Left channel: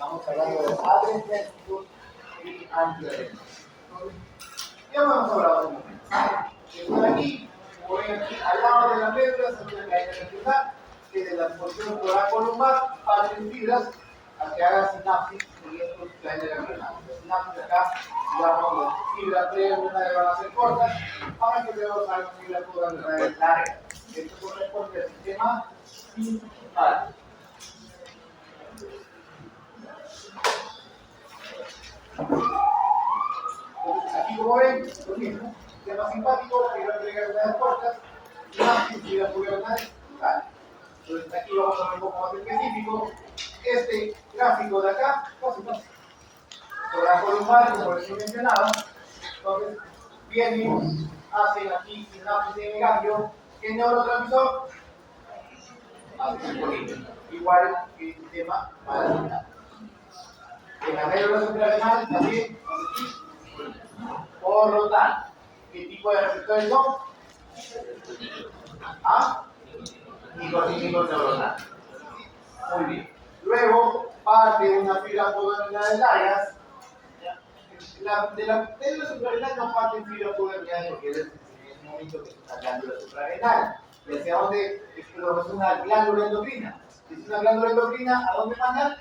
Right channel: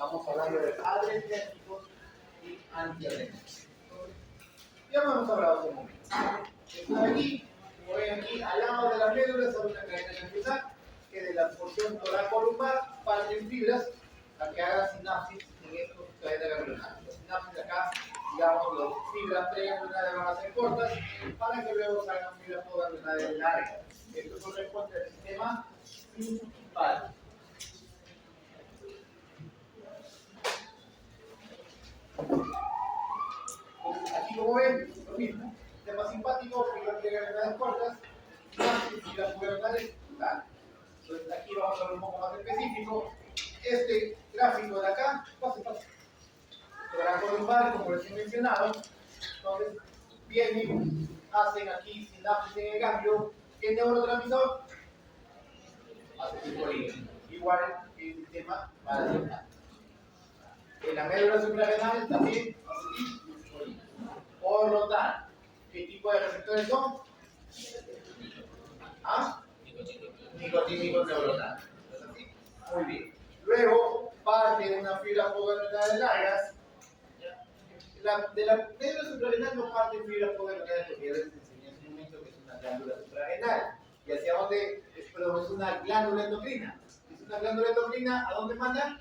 Estamos hablando de adrenérgicos y antiadrenérgicos. Ya hemos hablado un momento. Están aquí, como ven aquí, al lado de la médula, sale una cadena nerviosa que de la porción toracolumbar parten fibras a que haga sinapsis en estos cadenas ganglionares. Las sinapsis acá, digamos, las fibras preganglionares van a ser cortas para que luego salgan fibras ganglionares largas. Esto corresponde al sistema simpático. Aquí, como ven, lo mismo. Sistema simpático, fibras preganglionares cortas, sinapsis, fibras ganglionares largas. Entonces, aquí vamos a ver un poco más específico. Este gráfico de acá, fácil. Toracolumbar, como les he mencionado, entonces vienen, hacen aquí sinapsis en el ganglio. ¿Qué neurotransmisor? Acetilcolina. Igual que el sistema parasimpático. En la médula suprarrenal también acetilcolina. Por lo tanto, ¿qué tipo de receptores son? ¿Ah? Nicotínicos neuronales. Muy bien. Luego, parte de una fibra podernal largas. De la médula suprarrenal no parte fibra podernal porque es en ese momento que es una glándula suprarrenal. ¿Y hacia dónde? Es una glándula endocrina. Si es una glándula endocrina, ¿a dónde manda?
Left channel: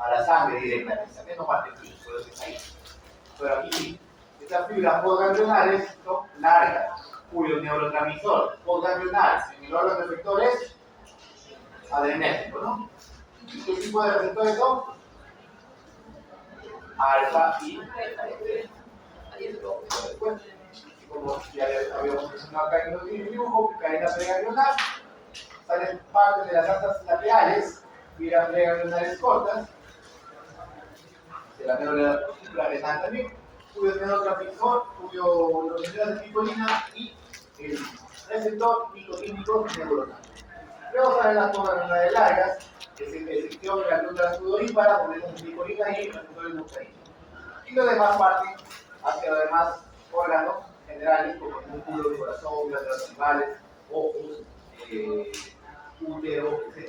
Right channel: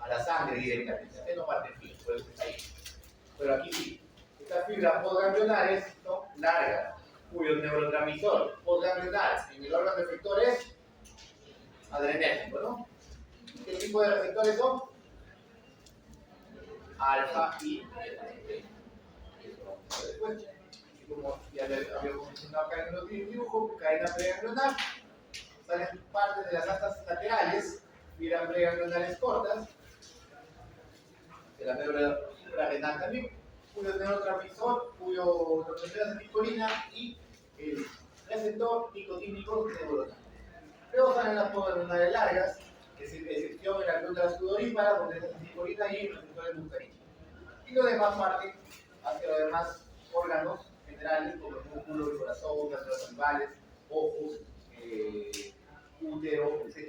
A la sangre directamente. Aquí no parte fibra, por eso está ahí. Pero aquí sí. Estas fibras podganglionares son largas, cuyo neurotransmisor podganglionar en el órgano efector es adrenérgico, ¿no? ¿Qué tipo de receptores son? Alfa y beta. Después, como ya habíamos mencionado acá en el dibujo, cadena preganglionar, salen parte de las asas laterales, fibras preganglionares cortas, de la médula suprarrenal también, cuyo neurotransmisor, cuyo acetilcolina y el receptor nicotínico neuronal. Luego salen las podganglionares largas, excepción de la glándula sudorípara, donde es acetilcolina y receptores muscarínicos. Y los demás parten hacia los demás órganos generales, como el músculo, el corazón, glándulas salivales, ojos, útero, etc.,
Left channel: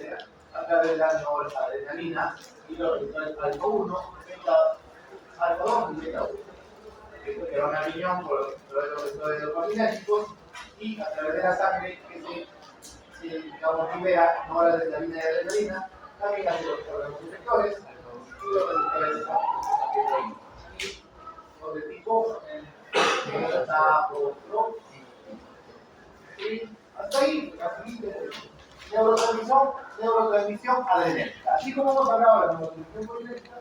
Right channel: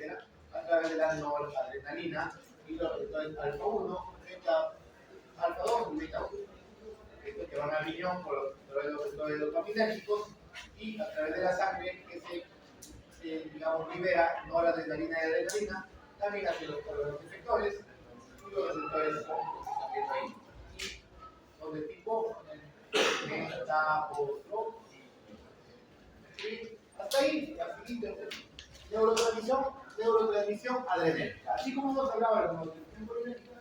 a través de la noradrenalina y los receptores alfa 1, alfa 2 y beta 1. Esto que van a riñón por los receptores dopaminérgicos y a través de la sangre que se digamos, libera noradrenalina y adrenalina, también hacia los órganos efectores y los receptores apetitoides. Son de tipo y hasta ahí, la siguiente neurotransmisión adrenérgica. Así como hemos hablado de la neurotransmisión colinérgica,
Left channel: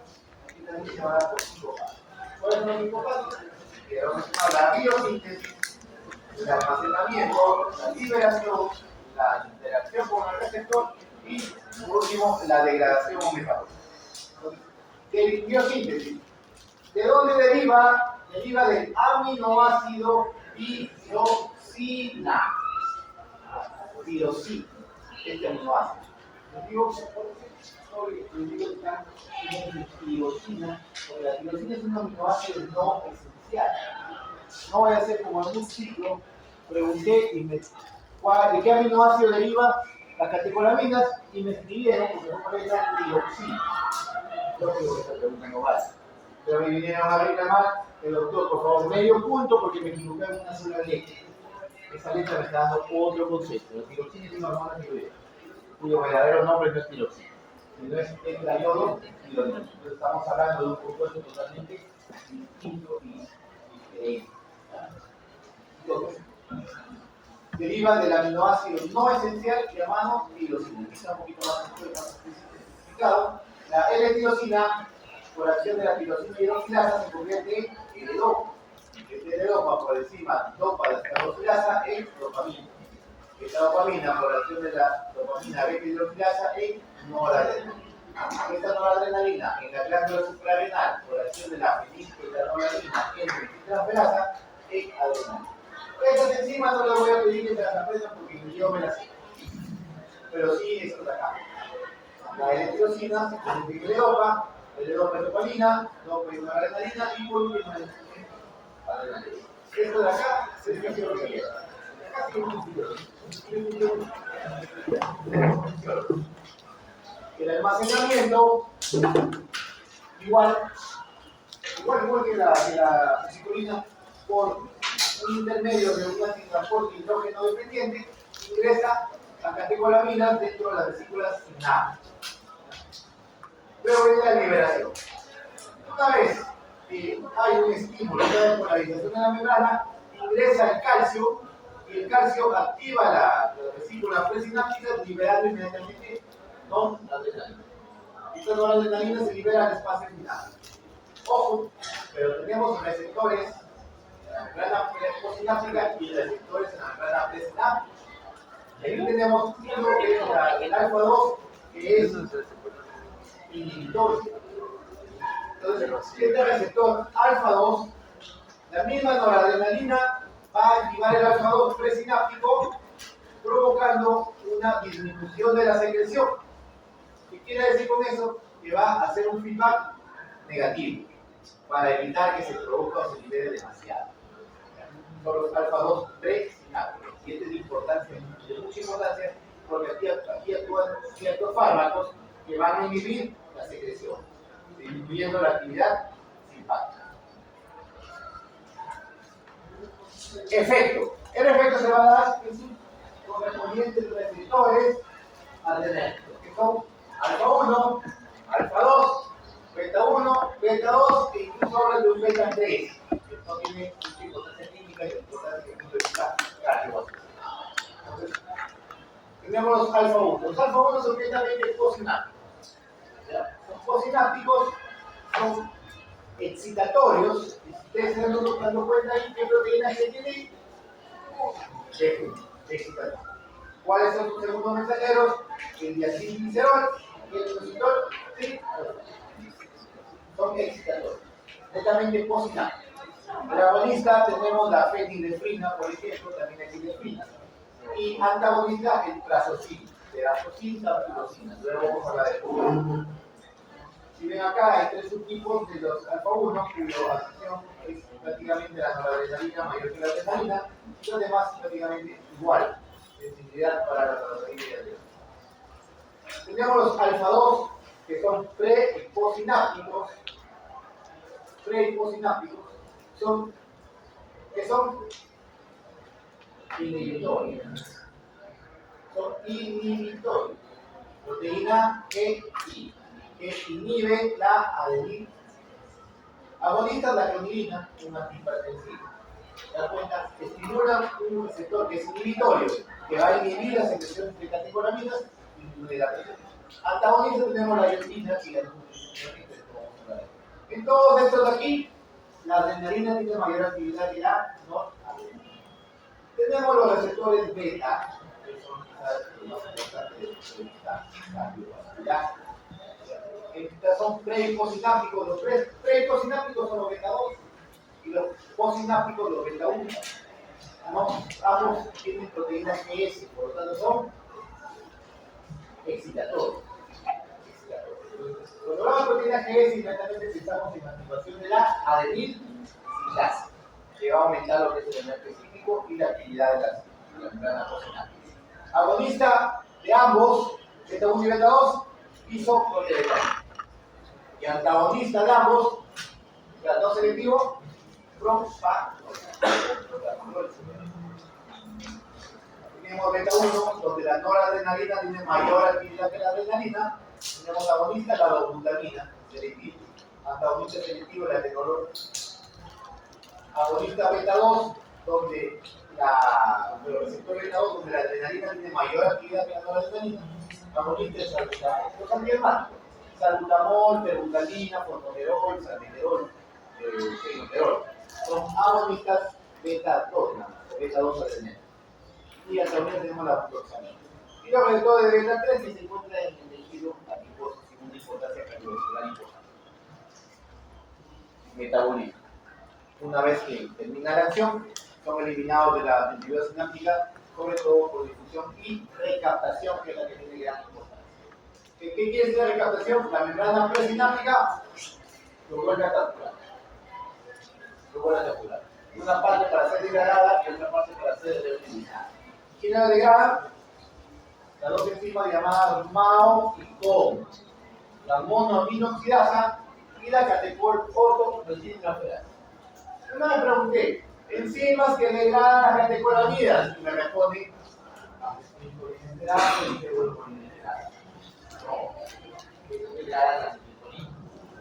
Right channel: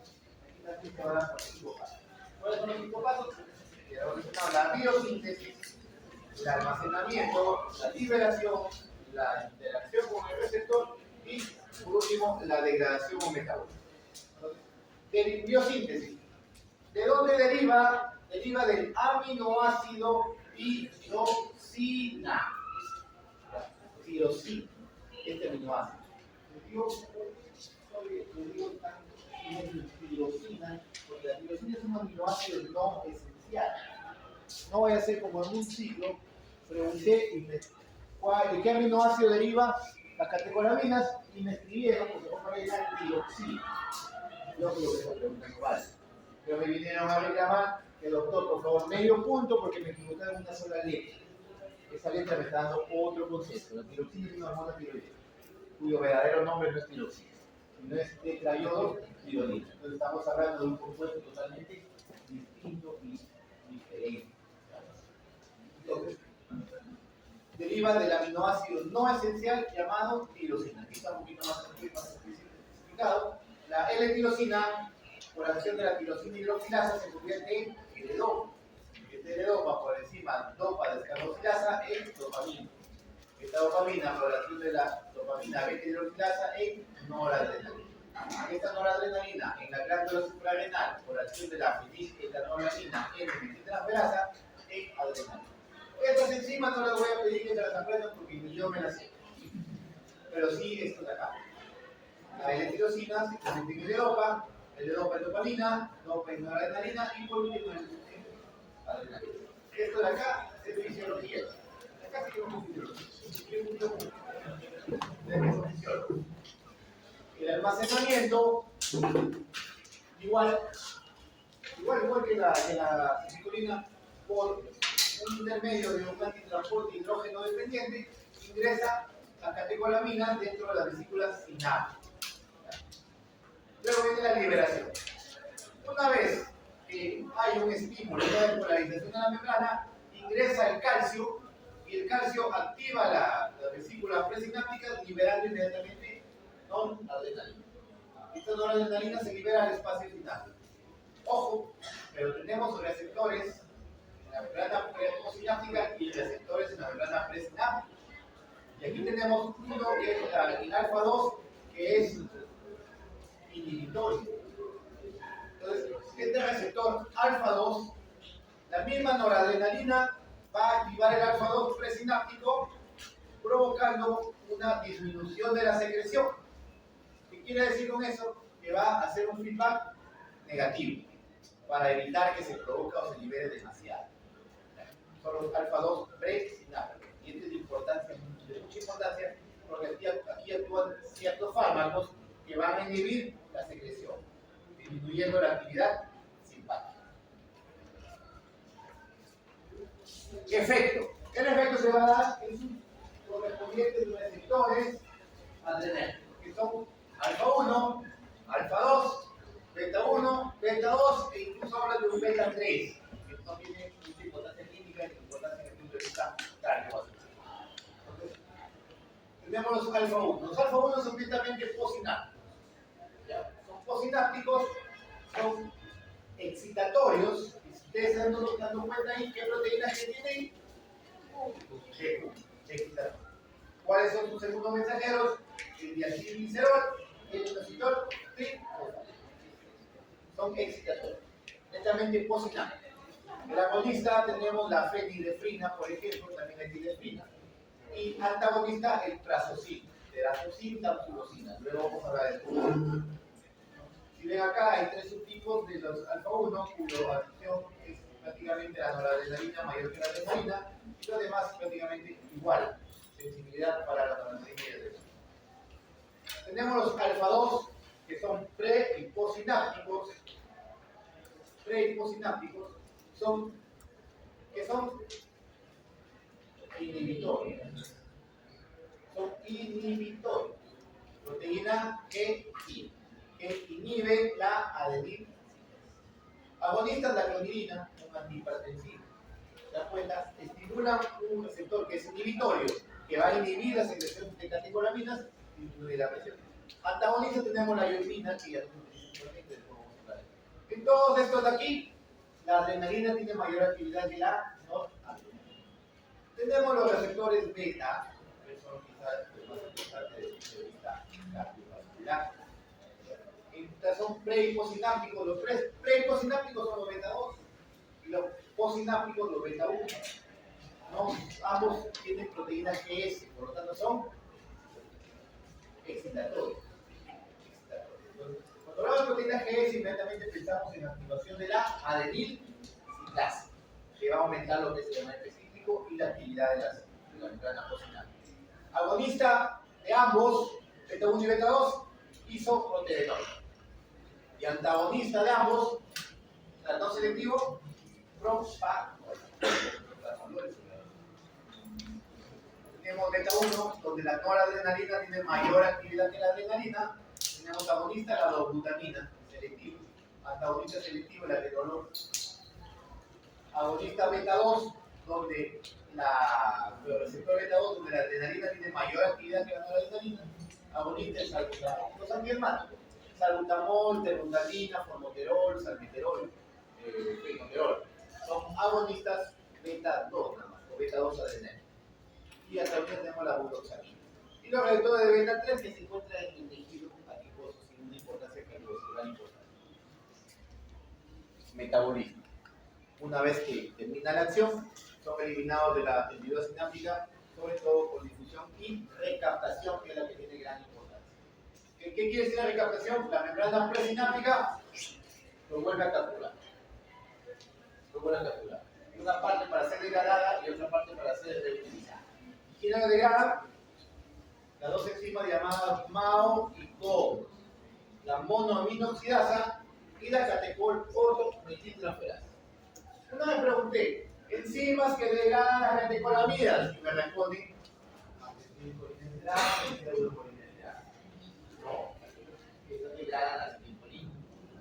aquí también se va a dar por hipocampo. ¿Cuáles son los hipocampos? Que vamos a hablar la biosíntesis, el almacenamiento, la liberación, la interacción con el receptor y, por último, la degradación o metabolismo. De biosíntesis. ¿De dónde deriva? Deriva del aminoácido tirosina. Tirosina, este aminoácido. Tirosina, porque la tirosina es un aminoácido no esencial. No voy a hacer como en un ciclo, pregunté ¿de qué aminoácido deriva las catecolaminas? Y me escribieron, porque no puede ser tiroxina. Yo creo que esta pregunta no vale. Pero me vinieron a reclamar, doctor, por favor, medio punto porque me equivoqué en una sola letra. Esa letra me está dando otro concepto. La tiroxina es una hormona tiroidea, cuyo verdadero nombre no es tiroxina, sino es tetraiodo tironina. Entonces estamos hablando de un compuesto totalmente distinto y diferente. Entonces, deriva del aminoácido no esencial llamado tirosina. Aquí está un poquito más especificado. La L-tirosina, por acción de la tirosina hidroxilasa, se convierte en L-dopa. Este L-dopa por encima dopa de esta hidroxilasa en dopamina. Esta dopamina, por acción de la dopamina beta hidroxilasa, en noradrenalina. Esta noradrenalina en la glándula suprarrenal, por acción de la fenilketonuria en feniltransferasa, en adrenalina. Estas enzimas no les voy a pedir que se las aprendan porque yo me las sé. Pero sí esto de acá. La L-tirosina se convierte en L-dopa, L-dopa es dopamina, dopa es noradrenalina y por último es adrenalina. Esto de acá se fisiología. Acá sí es un fisiología. El almacenamiento igual que la vesiculina, por un intermedio de un antitransporte hidrógeno dependiente, ingresa las catecolaminas dentro de las vesículas signadas. Luego viene la liberación. Una vez que hay un estímulo de polarización de la membrana, ingresa el calcio y el calcio activa la vesícula presináptica liberando inmediatamente noradrenalina. Esta noradrenalina se libera al espacio sináptico. Ojo, pero tenemos receptores en la membrana postsináptica y receptores en la membrana presináptica. Aquí tenemos uno que es el alfa-2, que es inhibitorio. Entonces, este receptor alfa-2, la misma noradrenalina va a activar el alfa-2 presináptico, provocando una disminución de la secreción. ¿Qué quiere decir con eso? Que va a hacer un feedback negativo para evitar que se produzca o se libere demasiado. Son los alfa-2 presinápticos. Y esto es de mucha importancia, porque aquí actúan ciertos fármacos que van a inhibir la secreción, disminuyendo la actividad simpática. Efecto. El efecto se va a dar en sus correspondientes receptores adrenérgicos, que son alfa-1, alfa-2, beta-1, beta-2 e incluso hablan de un beta-3, que no tiene mucha importancia química y importancia desde el punto de vista cardiovascular. Entonces, tenemos los alfa-1. Los alfa-1 son netamente posinápticos. Son posinápticos, son excitatorios. Y si ustedes se están dando cuenta ahí, ¿qué proteínas que tienen? Excitatorios. ¿Cuáles son sus segundos mensajeros? El diacilglicerol y el inositol. ¿Sí? Son excitatorios, netamente posinápticos. El agonista tenemos la fenilefrina, por ejemplo, también hay silefrina. Y antagonista el trazocin, terazocin, tamsulosina. Luego vamos a hablar de esto. Si ven acá, hay tres subtipos de los alfa-1, cuya acción es prácticamente la noradrenalina mayor que la adrenalina, y los demás prácticamente igual. Sensibilidad para la noradrenalina y adrenalina. Tenemos los alfa-2, que son pre y postsinápticos. Pre y postsinápticos que son inhibitorios. Son inhibitorios. Proteína EI, que inhibe la adenina. Agonistas la clonidina, un antihipertensivo. ¿Te das cuenta? Estimula un receptor que es inhibitorio, que va a inhibir la secreción de catecolaminas y incluye la presión. Antagonistas tenemos la iotina, que ya en todos estos de aquí, la adrenalina tiene mayor actividad que la noradrenalina. Tenemos los receptores beta, que son quizás los más importantes de esta cardiovascular. Estos son pre y postsinápticos. Los pre y postsinápticos son los beta-2 y los postsinápticos los beta-1. Ambos tienen proteínas ES, por lo tanto son excitatorios. Cuando hablamos de proteínas ES, inmediatamente pensamos en la activación de la adenilsinglasa, que va a aumentar lo que es el elemento específico y la actividad de la membrana postsináptica. Agonista de ambos, beta-1 y beta-2, isoproteoidal. Y antagonista de ambos, no selectivo, propranolol. Tenemos beta-1, donde la noradrenalina tiene mayor actividad que la adrenalina. Tenemos agonista, la dobutamina, selectivo. Antagonista selectivo, la atenolol. Agonista beta-2, donde el receptor beta-2, donde la adrenalina tiene mayor actividad que la noradrenalina. Agonista es los antihermáticos. Salbutamol, terbutaline, formoterol, salmeterol, fenoterol. Son agonistas beta-2, o beta-2 adrenal. Y también tenemos la butoxamina. Y los receptores de beta-3 que se encuentran en el tejido adiposo sin una importancia cardiovascular importante. Metabolismo. Una vez que termina la acción, son eliminados de la actividad sináptica, sobre todo por difusión y recaptación, que es la que tiene gran importancia. ¿Qué quiere decir la recaptación? La membrana presináptica lo vuelve a capturar. Una parte para ser degradada y otra parte para ser reutilizada. ¿Quién la degrada? Las dos enzimas llamadas MAO y COM. La monoaminoxidasa y y la catecol ortoproteína. Una vez pregunté, enzimas que degradan las catecolamidas, y me responde, no, que degradan las citolinas.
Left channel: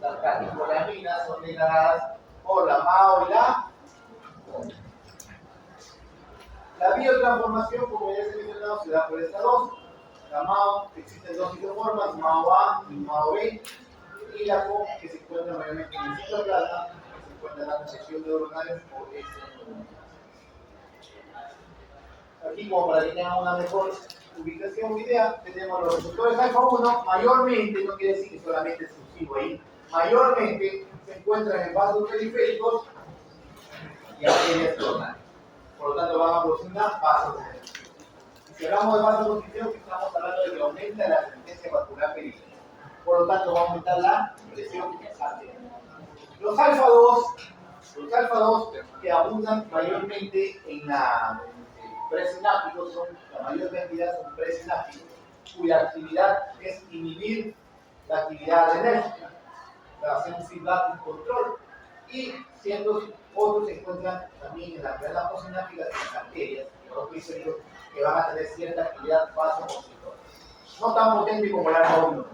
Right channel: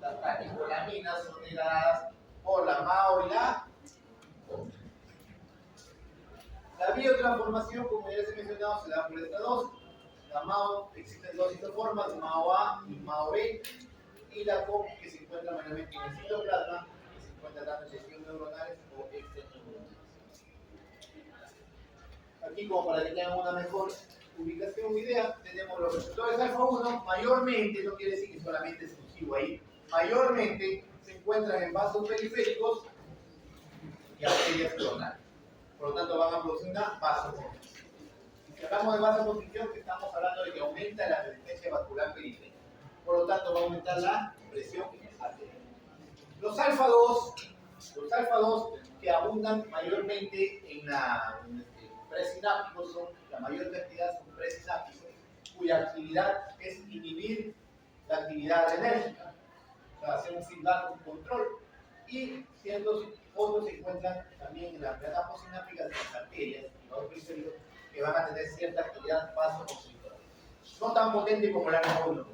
Las catecolaminas son degradadas por la MAO y la biotransformación, como ya se ha mencionado, se da por estas dos. La MAO, existen dos isoformas, MAO A y MAO B, y la CO, que se encuentra mayormente en el citoplasma, que se encuentra en la sección neuronales o extraneuronales. Aquí, como para que tengan una mejor ubicación idea, tenemos los receptores alfa 1, mayormente, no quiere decir que solamente es exclusivo ahí, mayormente se encuentran en vasos periféricos y arterias coronarias. Por lo tanto, van a producir una vasoconstricción. Si hablamos de vasoconstricción, estamos hablando de que aumenta la resistencia vascular periférica. Por lo tanto, va a aumentar la presión arterial. Los alfa 2 que abundan mayormente en la presinápticos, la mayor cantidad son presinápticos, cuya actividad es inhibir la actividad adrenérgica, hacer un feedback, un control, y ciertos otros se encuentran también en las venas postsinápticas de las arterias, que van a tener cierta actividad vasoconstrictora. No tan potente como el alfa 1.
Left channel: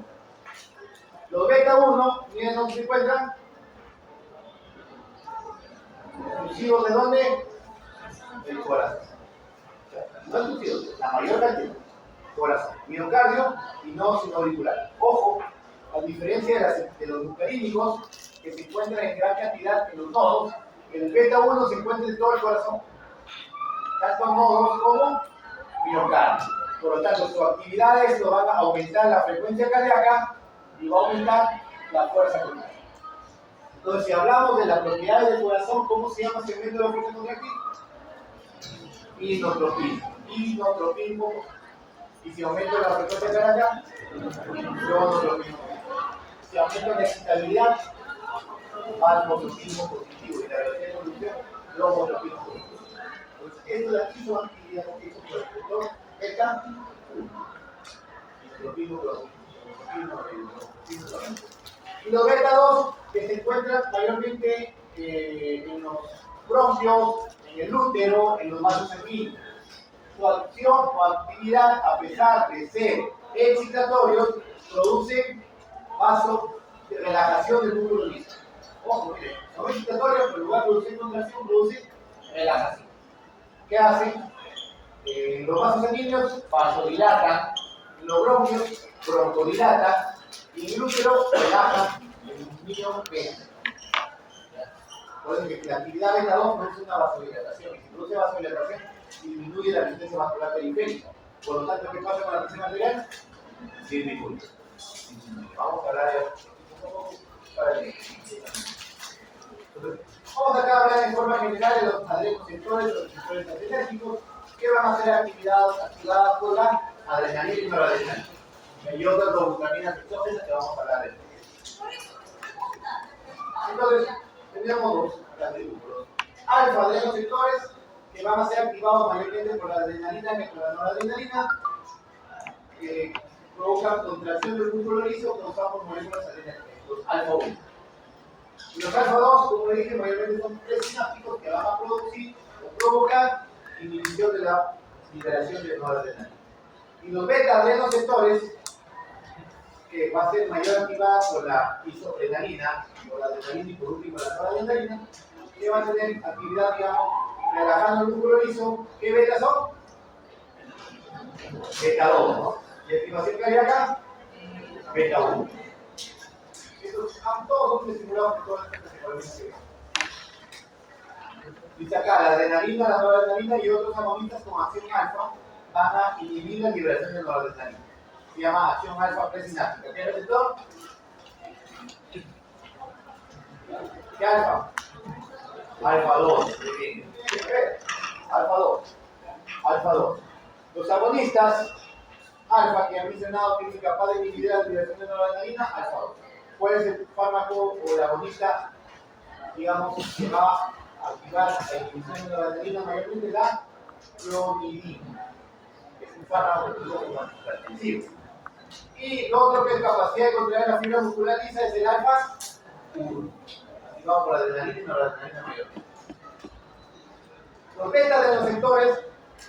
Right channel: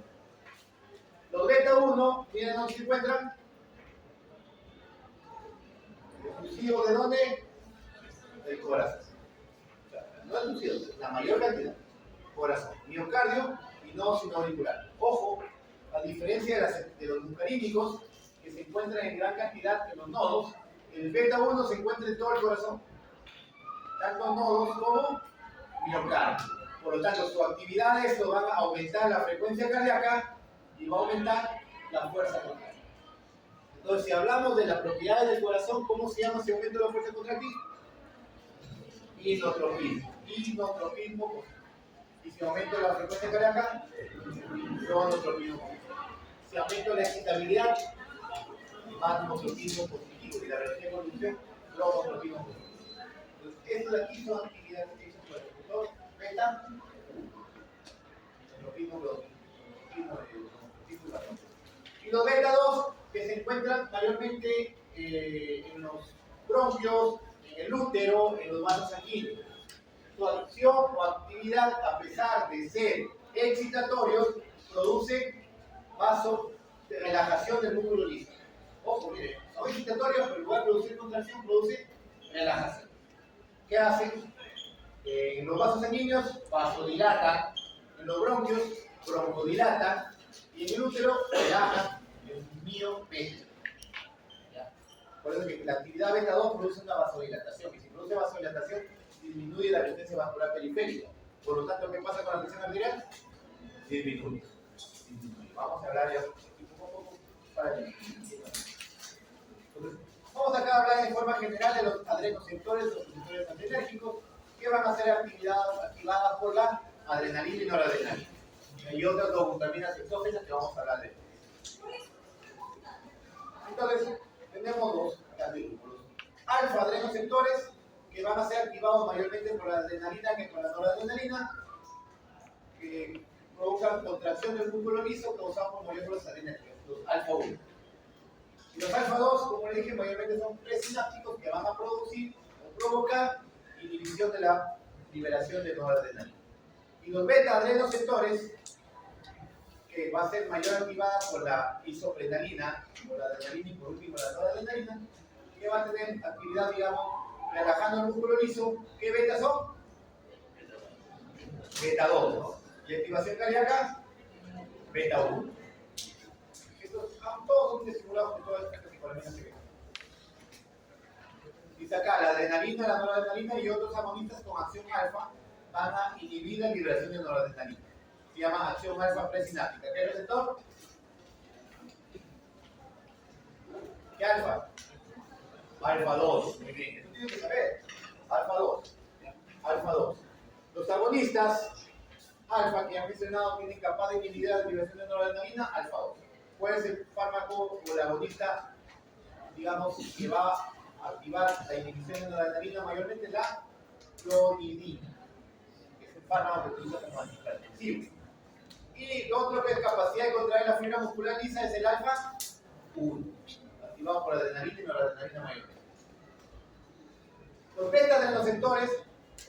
Los beta 1, miren dónde se encuentran. ¿Exclusivos de dónde? Del corazón. No exclusivos, la mayor cantidad. Corazón, miocardio y no sinoauricular. Ojo, a diferencia de los muscarínicos, que se encuentran en gran cantidad en los nodos, el beta 1 se encuentra en todo el corazón, tanto nodos como miocardio. Por lo tanto, su actividad esto va a aumentar la frecuencia cardíaca y va a aumentar la fuerza contractiva. Entonces, si hablamos de las propiedades del corazón, ¿cómo se llama ese aumento de la fuerza contractiva? Inotropismo. Y si aumento la frecuencia cardíaca, cronotropismo. Si aumento la excitabilidad, almotropismo positivo. Y la velocidad de evolución, lomotropismo positivo. Entonces, esto de aquí son actividades que hizo por el receptor beta 1. Inotropismo, cronotropismo. Y los beta 2, que se encuentran mayormente en los bronquios, en el útero, en los vasos sanguíneos. Su acción o actividad, a pesar de ser excitatorios, produce relajación del músculo liso. Ojo, miren, son excitatorios, pero en lugar de producir contracción, produce relajación. ¿Qué hacen? En los vasos sanguíneos, vasodilatan, en los bronquios, broncodilatan, y en el útero, relajan el miopenia. Por eso que la actividad beta 2 produce una vasodilatación, y si produce vasodilatación, disminuye la resistencia vascular periférica. Por lo tanto, ¿qué pasa con la presión arterial? Disminuye. Vamos a hablar un poco para el Entonces, vamos acá a hablar en forma general de los adrenoceptores, los receptores adrenérgicos, que van a ser activadas por la adrenalina y noradrenalina. Y otras dos glutaminas exógenas que vamos a hablar de esto. Entonces, tenemos dos atributos. Alfa adrenoceptores, que van a ser activados mayormente por la adrenalina que por la noradrenalina, que provocan contracción del músculo liso causados por moléculas adrenérgicas, los alfa 1. Y los alfa 2, como le dije, mayormente son presinápticos que van a producir o provocar inhibición de la liberación de noradrenalina. Y los beta adrenoceptores, que va a ser mayor activada por la isoprenalina, por la adrenalina y por último la noradrenalina, que va a tener actividad, digamos, relajando el músculo liso. ¿Qué betas son? Beta 2, ¿no? Y activación cardíaca, beta 1. Estos todos son estimulados por todas estas categorías que vemos. Dice acá, la adrenalina, la noradrenalina y otros agonistas con acción alfa van a inhibir la liberación de noradrenalina. Se llama acción alfa presináptica. ¿Qué receptor? ¿Qué alfa? Alfa 2. Tienen que saber. Alfa 2. Alfa 2. Los agonistas alfa que han mencionado que es incapaz de inhibir la liberación de noradrenalina, alfa 2. Puede ser el fármaco o el agonista, digamos, que va a activar la inhibición de noradrenalina, mayormente la clonidina. Es un fármaco que usa como antihipertensivo. Y lo otro que es capacidad de contraer la fibra muscular lisa es el alfa 1, activado por adrenalina y noradrenalina mayor. Los betas de los receptores,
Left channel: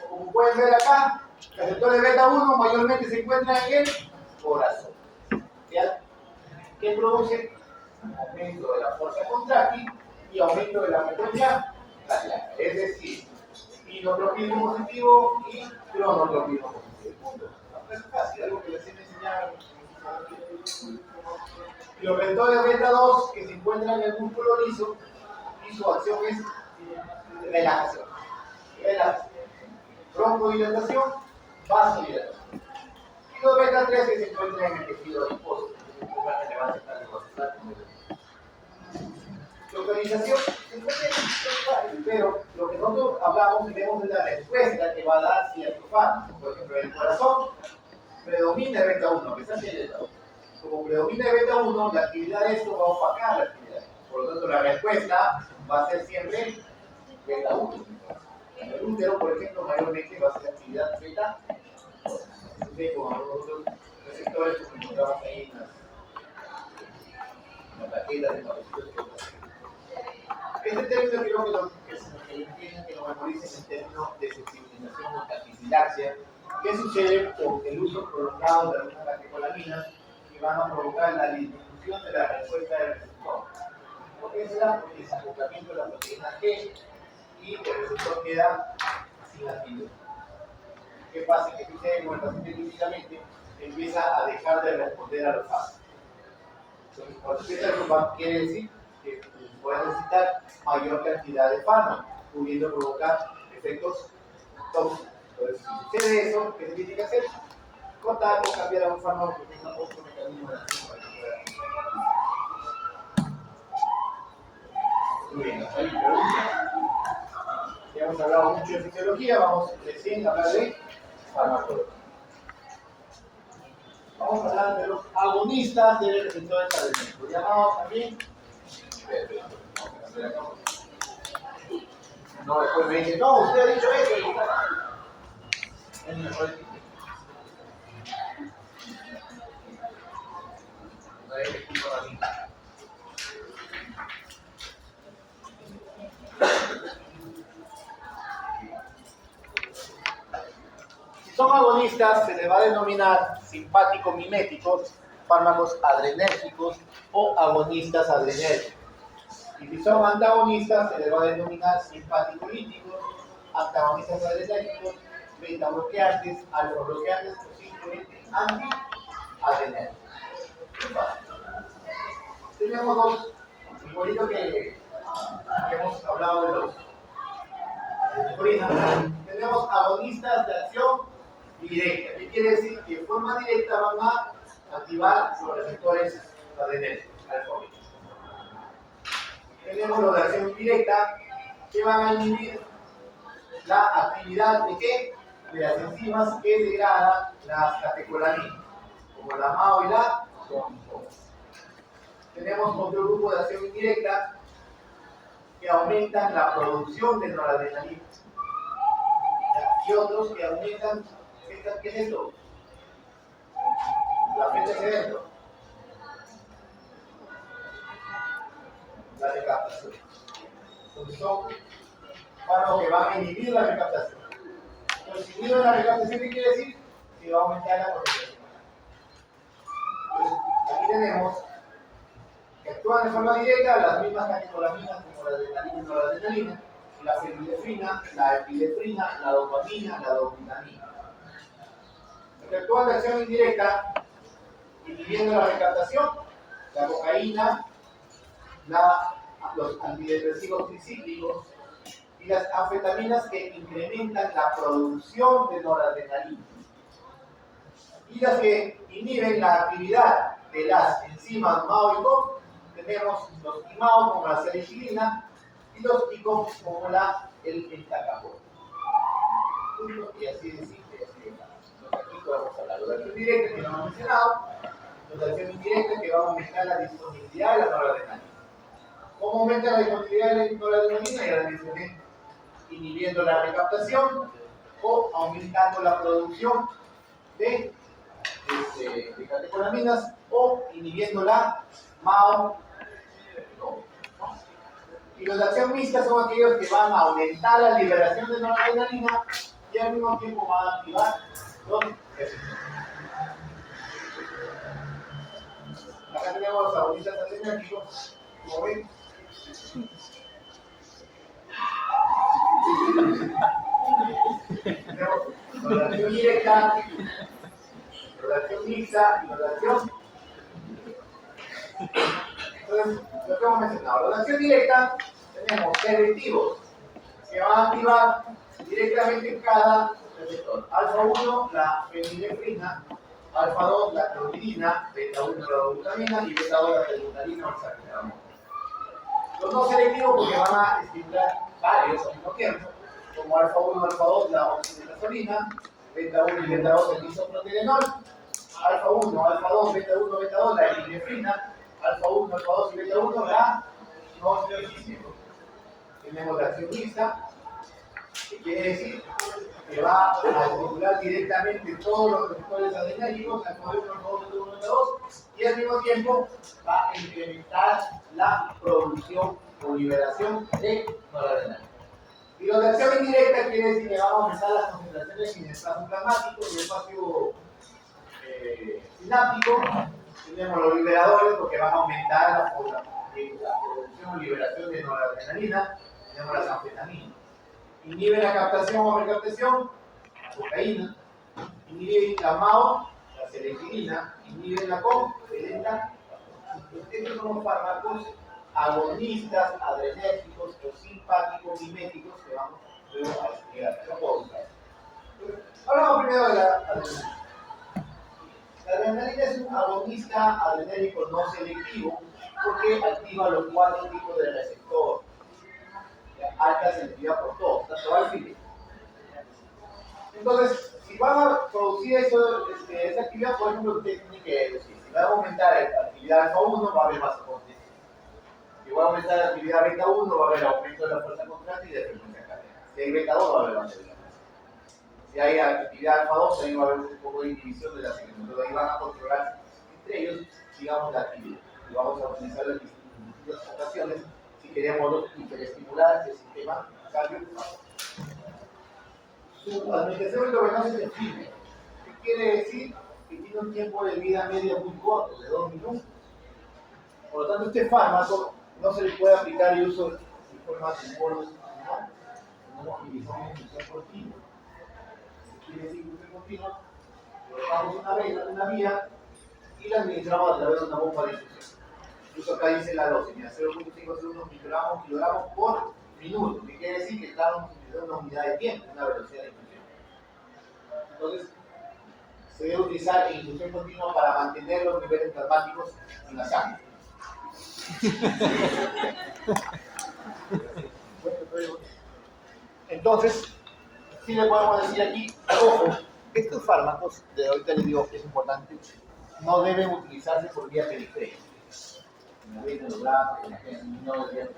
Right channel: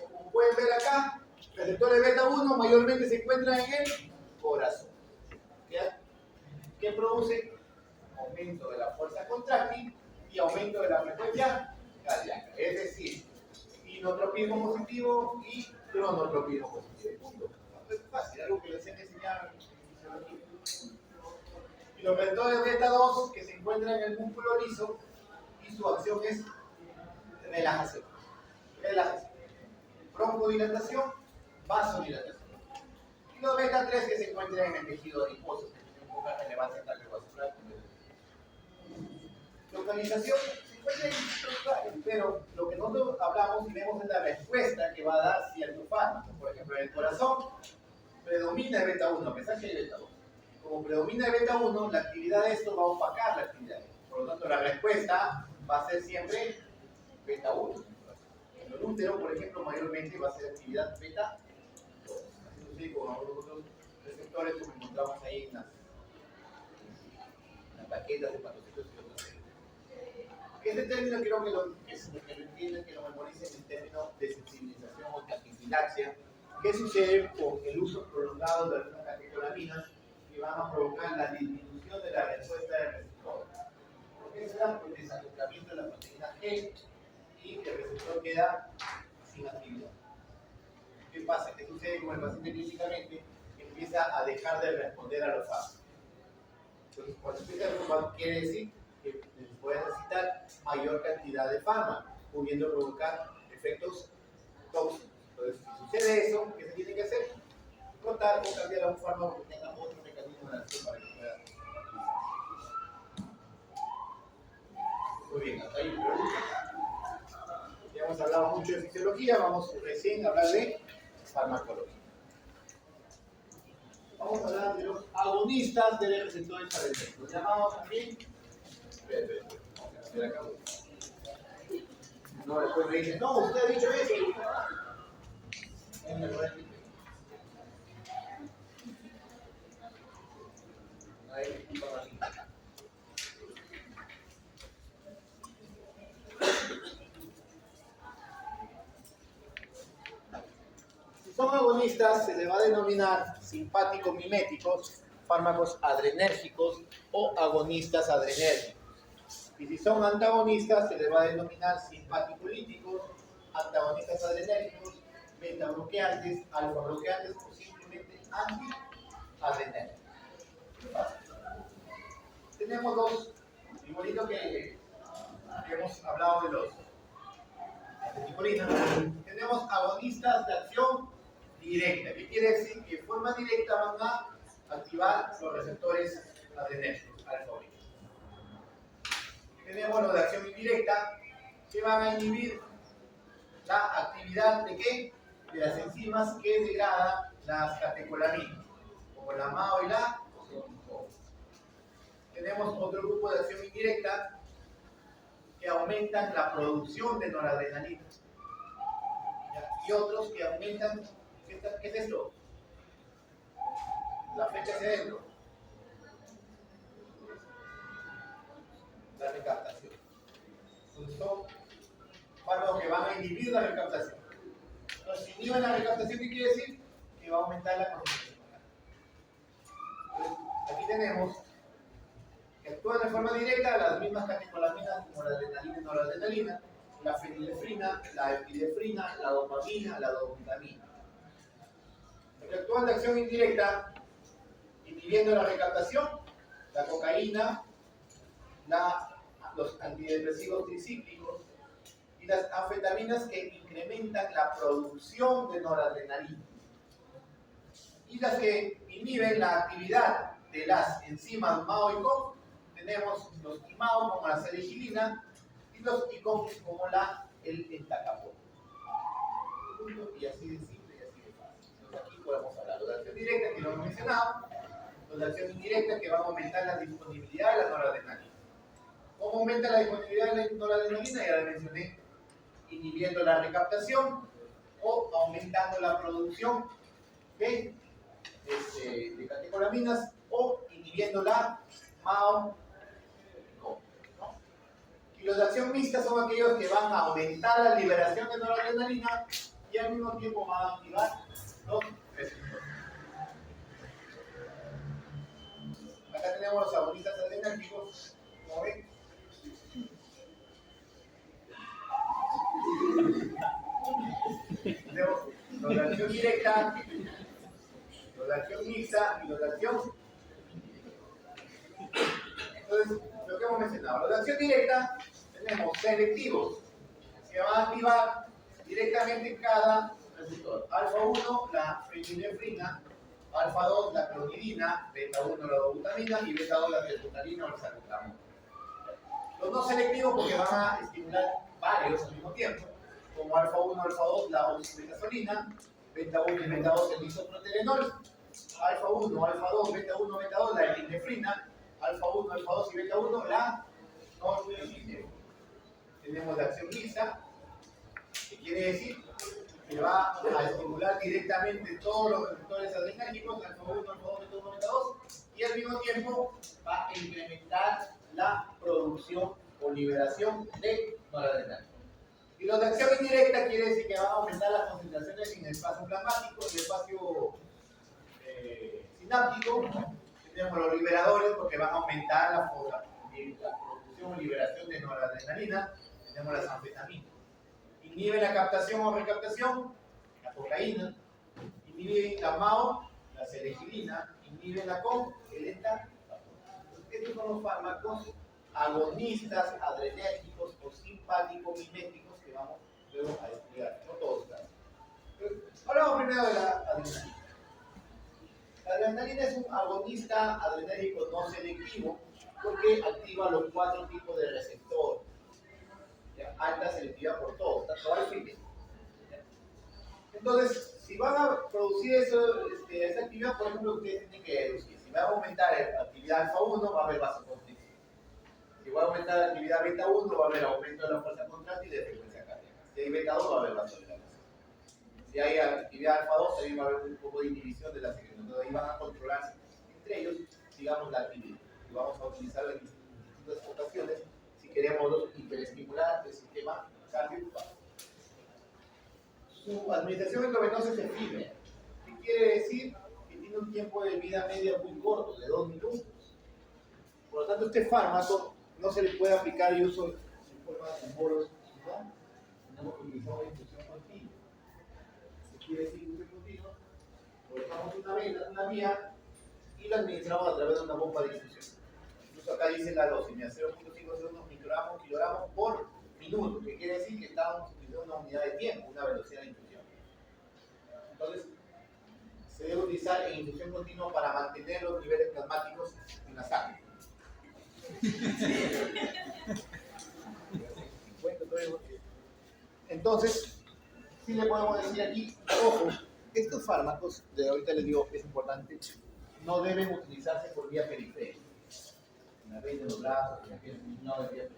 como pueden ver acá, los receptores beta 1 mayormente se encuentran en el corazón. ¿Ya? ¿Qué produce? Aumento de la fuerza contráctil y aumento de la frecuencia cardíaca. Es decir, inotropismo positivo y cronotropismo positivo. Punto. Es fácil, algo que les he enseñado. Y los receptores beta 2 que se encuentran en el músculo liso y su acción es relajación. Relajación. Broncodilatación, vasodilatación. Y los beta 3 que se encuentran en el tejido adiposo. Localización, pero lo que nosotros hablamos y vemos es la respuesta que va a dar cierto fármaco. Por ejemplo, en el corazón predomina el beta 1, a pesar de el beta 1. Como predomina el beta 1, la actividad de esto va a opacar la actividad. Por lo tanto, la respuesta va a ser siempre beta 1. En el útero, por ejemplo, mayormente va a ser actividad beta 2. Entonces, con otros receptores como encontramos ahí en las tarjetas de parásitos. Este término creo que lo entienden, que lo memoricen en términos de sensibilización o taquifilaxia. ¿Qué sucede con el uso prolongado de algunas catecolaminas que van a provocar la disminución de la respuesta del receptor? ¿Por qué se da? Por el desacoplamiento de la proteína G y el receptor queda sin actividad. ¿Qué pasa? ¿Qué sucede con el paciente clínicamente? Empieza a dejar de responder a los fármacos. Entonces, cuando empieza a resolver, quiere decir que puede necesitar mayor cantidad de fármacos, pudiendo provocar efectos tóxicos. Entonces, si sucede eso, ¿qué se tiene que hacer? Cortar o cambiar a un fármaco que tenga otro mecanismo de acción para que pueda. Muy bien, hasta ahí preguntas. Ya hemos hablado mucho de fisiología, vamos recién a hablar de farmacología. Vamos a hablar de los agonistas de receptores adrenérgicos, llamados también. No, después me dice, no, usted ha dicho eso. Si son agonistas, se les va a denominar simpático-miméticos, fármacos adrenérgicos o agonistas adrenérgicos. Y si son antagonistas, se les va a denominar simpático-líticos, antagonistas adrenérgicos, beta bloqueantes, alfa bloqueantes o simplemente anti-adrenérgicos. Tenemos dos, igualito que hemos hablado de los tenemos agonistas de acción directa. ¿Qué quiere decir? Que de forma directa van a activar los receptores adrenérgicos, alfa beta. Tenemos los de acción indirecta que van a inhibir la actividad de ¿qué? De las enzimas que degradan las catecolaminas, como la MAO y la COMPO. Tenemos otro grupo de acción indirecta que aumentan la producción de noradrenalina y otros que aumentan, ¿qué es esto? La flecha hacia adentro, la recaptación. Entonces son fármacos que van a inhibir la recaptación. Entonces, si inhiben la recaptación, ¿qué quiere decir? Que va a aumentar la concentración. Entonces, aquí tenemos que actúan de forma directa las mismas catecolaminas como la adrenalina y noradrenalina, la fenilefrina, la epinefrina, la dopamina, la dopamina. Los que actúan de acción indirecta, inhibiendo la recaptación, la cocaína, los antidepresivos tricíclicos y las anfetaminas que incrementan la producción de noradrenalina. Y las que inhiben la actividad de las enzimas MAO y COMP, tenemos los IMAO como la salicilina y los ICOM como el entacapón. Y así de simple, así de fácil. Entonces aquí podemos hablar de acción directa, que lo hemos mencionado, los de acción indirecta que van a aumentar la disponibilidad de la noradrenalina. ¿Cómo aumenta la disponibilidad de la noradrenalina? Ya la mencioné, inhibiendo la recaptación o aumentando la producción de catecolaminas o inhibiendo la MAO todo, ¿no? Y los de acción mixta son aquellos que van a aumentar la liberación de noradrenalina y al mismo tiempo van a activar los receptores. Acá tenemos agonistas adrenérgicos, como ven. Tenemos noradrenalina directa, noradrenalina mixta y noradrenalina. Entonces, lo que hemos mencionado, la acción directa, tenemos selectivos que van a activar directamente cada receptor. Alfa 1, la fenilefrina, alfa 2, la clonidina, beta 1, la glutamina y beta 2, la tebutalina o el salmetamol. Los no selectivos porque van a estimular varios al mismo tiempo, como alfa 1, alfa 2, la oximetazoline, beta 1 y beta 2, el isoproterenol, alfa 1, alfa 2, beta 1, beta 2, la epinefrina, alfa 1, alfa 2 y beta 1, la norepinefrina. Tenemos la acción mixta, que quiere decir que va a estimular directamente todos los receptores adrenérgicos, alfa 1, alfa 2, beta 1, beta 2, y al mismo tiempo va a incrementar la producción o liberación de noradrenalina. Y los de acción indirecta quiere decir que van a aumentar las concentraciones en el espacio plasmático y el espacio sináptico. Tenemos los liberadores porque van a aumentar la producción o liberación de noradrenalina. Tenemos las anfetaminas. Inhibe la captación o recaptación, la cocaína. Inhibe la MAO, la serefilina. Inhibe la COM-delta. Estos son los fármacos agonistas, adrenérgicos o simpáticos miméticos que vamos luego a estudiar. Hablamos primero de la adrenalina. La adrenalina es un agonista adrenérgico no selectivo porque activa los 4 tipos de receptor. Alta selectividad por todos, tanto alfa y beta. Entonces, si van a producir esa actividad, por ejemplo, usted tiene que decir, si van a aumentar la actividad alfa 1, va a haber vasoconstricción. Si va a aumentar la actividad beta 1, va a haber aumento de la fuerza contractil y de frecuencia cardíaca. Si hay beta 2, va a haber vasodilatación. Si hay actividad alfa 2, ahí va a haber un poco de inhibición de la señal. Entonces ahí van a controlar entre ellos, digamos, la actividad. Y vamos a utilizarlo en distintas ocasiones si queremos hiperestimular el sistema cardiovascular. Su administración endovenosa es efímera. ¿Qué quiere decir? Que tiene un tiempo de vida medio muy corto, de 2 minutos. Por lo tanto, este fármaco no se le puede aplicar el uso de forma de bolos, no utilizamos infusión continua. Quiere decir infusión continua, colocamos una vía y la administramos a través de una bomba de infusión. Incluso acá dice la dosis, 0.5 segundos kilogramos por minuto, que quiere decir que estamos utilizando una unidad de tiempo, una velocidad de infusión. Entonces, se debe utilizar en infusión continua para mantener los niveles plasmáticos en la sangre. Entonces, sí le podemos decir aquí, ojo, estos fármacos, de ahorita les digo que es importante, no deben utilizarse por vía periférica. En la vena, en los brazos, en la pierna, no deberían.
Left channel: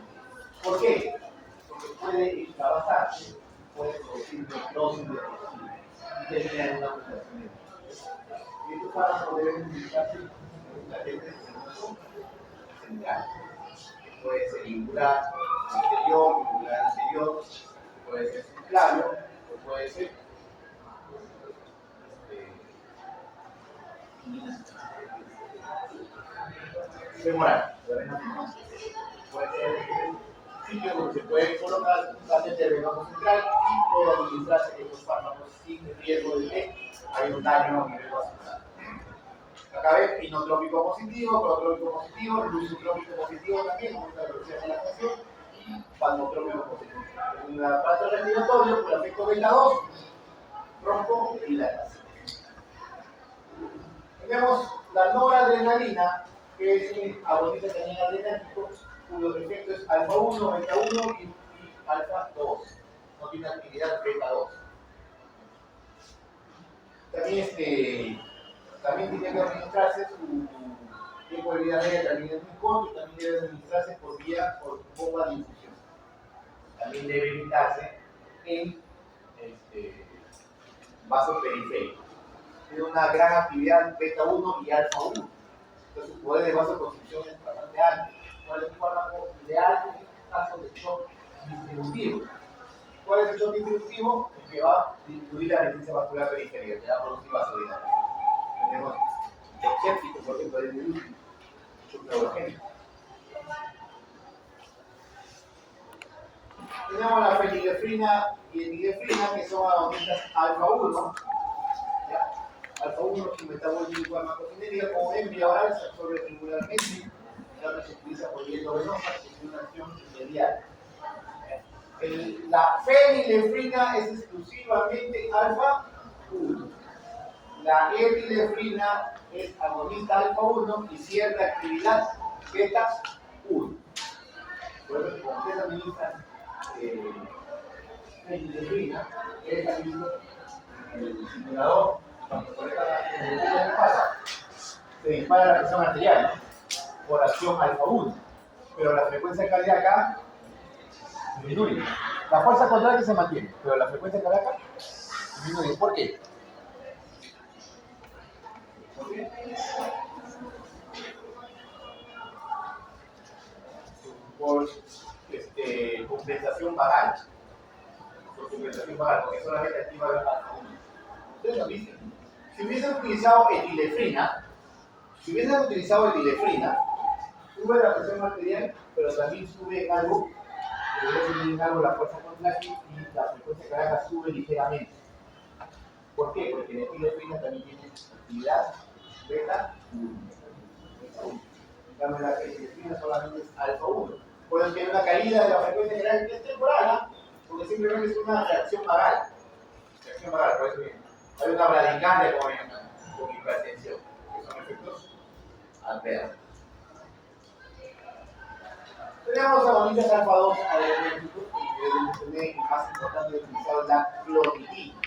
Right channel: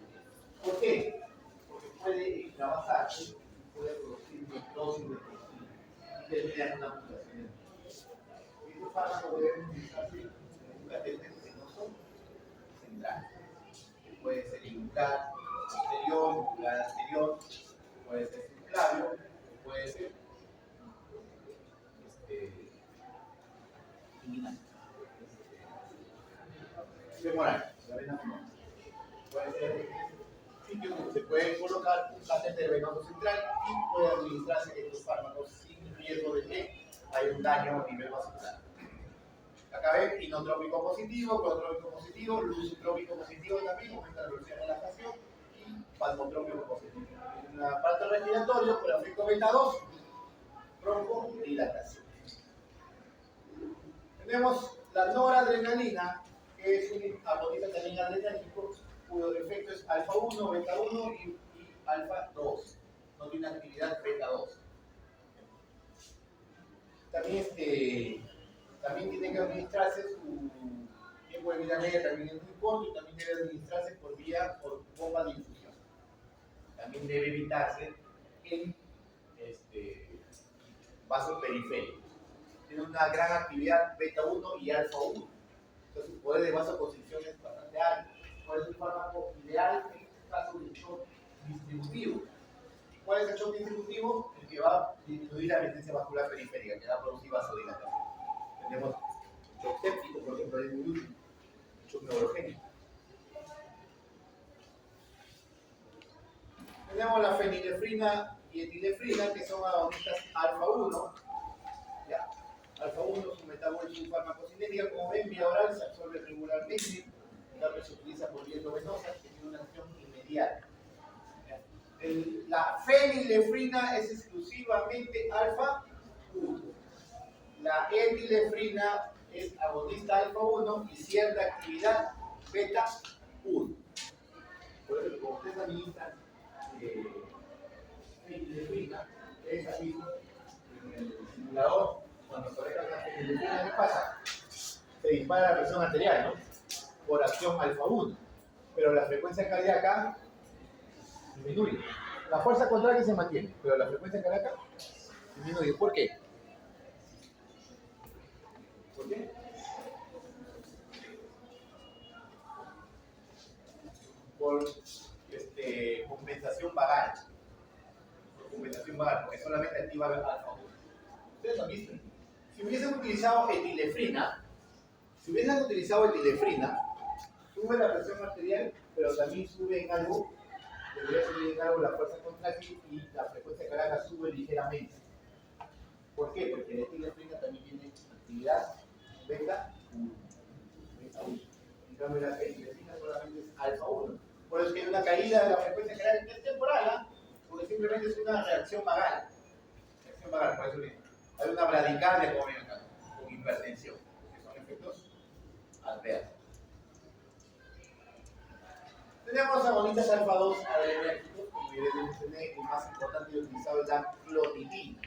¿Por qué? Porque puede extravasarse, puede producir necrosis y tener una mutación. Y estos fármacos deben utilizarse en un catéter central. Puede ser ingular anterior, puede ser subclavio, o puede ser femoral. Puede ser sitio donde se puede colocar un catéter venoso central y puede administrarse estos fármacos sin riesgo de que haya un daño a nivel vascular. Acá ven inotrópico positivo, cronotrópico positivo, lusotrópico positivo también, aumenta la velocidad de dilatación, y palmotrópico positivo. En el aparato respiratorio, por efecto beta 2, broncodilatación. Tenemos la noradrenalina, que es un agonista también adrenérgico, cuyo efecto es alfa 1, beta 1 y alfa 2. No tiene actividad beta 2. También tiene que administrarse, su tiempo de vida media también es muy corto y también debe administrarse por bomba de infusión. También debe evitarse en vasos periféricos. Tiene una gran actividad beta 1 y alfa 1. Entonces su poder de vasoconstricción es bastante alto. ¿Cuál es un fármaco distributivo. ¿Cuál es el shock distributivo? El que va a disminuir la resistencia vascular periférica, que va a producir vasodilatación. Tenemos excéptico, por ejemplo, de shock neurogénico. Tenemos la fenilefrina y etilefrina, que son agonistas alfa-1. Alfa-1 su metabolismo y farmacocinética, como ven, vía oral se absorbe regularmente, también se utiliza por vía endovenosa, que tiene una acción inmediata. La fenilefrina es exclusivamente alfa-1. La etilefrina es agonista alfa-1 y cierta actividad beta-1. Por eso, como ustedes administran fenilefrina, es aquí en el simulador, cuando se conecta ¿qué pasa? Se dispara la presión arterial, ¿no? Por acción alfa-1. Pero la frecuencia cardíaca disminuye. La fuerza contraria se mantiene, pero la frecuencia cardíaca disminuye. ¿Por qué? ¿Por qué? Por compensación vagal. Por compensación vagal, porque solamente activa alfa-1. Ustedes lo dicen. Si hubiesen utilizado etilefrina, sube la presión arterial, pero también sube en algo, la fuerza contráctil y la frecuencia cardíaca sube ligeramente. ¿Por qué? Porque la etilefrina también tiene actividad beta-1. En cambio, la etilefrina solamente es alfa-1. Por eso tiene una caída de la frecuencia cardíaca que es temporal, porque simplemente es una reacción vagal. Por eso bien. Hay una bradicardia con hipertensión, que son efectos adversos. Tenemos agonistas alfa-2 adrenérgicos, y más importante es utilizar la clonidina.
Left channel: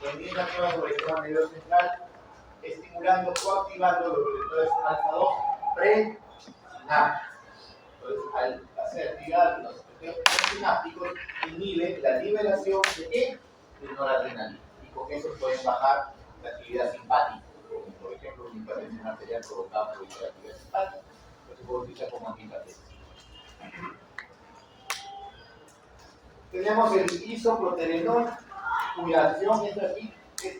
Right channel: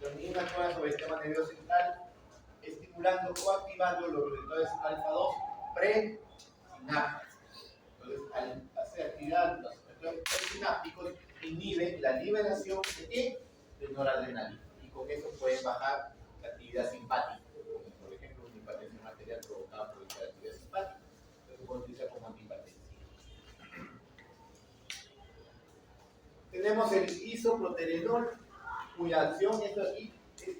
Clonidina actúa sobre el sistema nervioso central, estimulando o activando los receptores alfa-2 presinápticos. Entonces, al hacer actividad los receptores presinápticos, inhibe la liberación de ¿qué? De noradrenalina. Y con eso pueden bajar la actividad simpática, como por ejemplo una hipertensión arterial provocada por la actividad simpática. Eso se puede utilizar como antihipertensivo. Tenemos el isoproterenol, cuya acción es aquí, es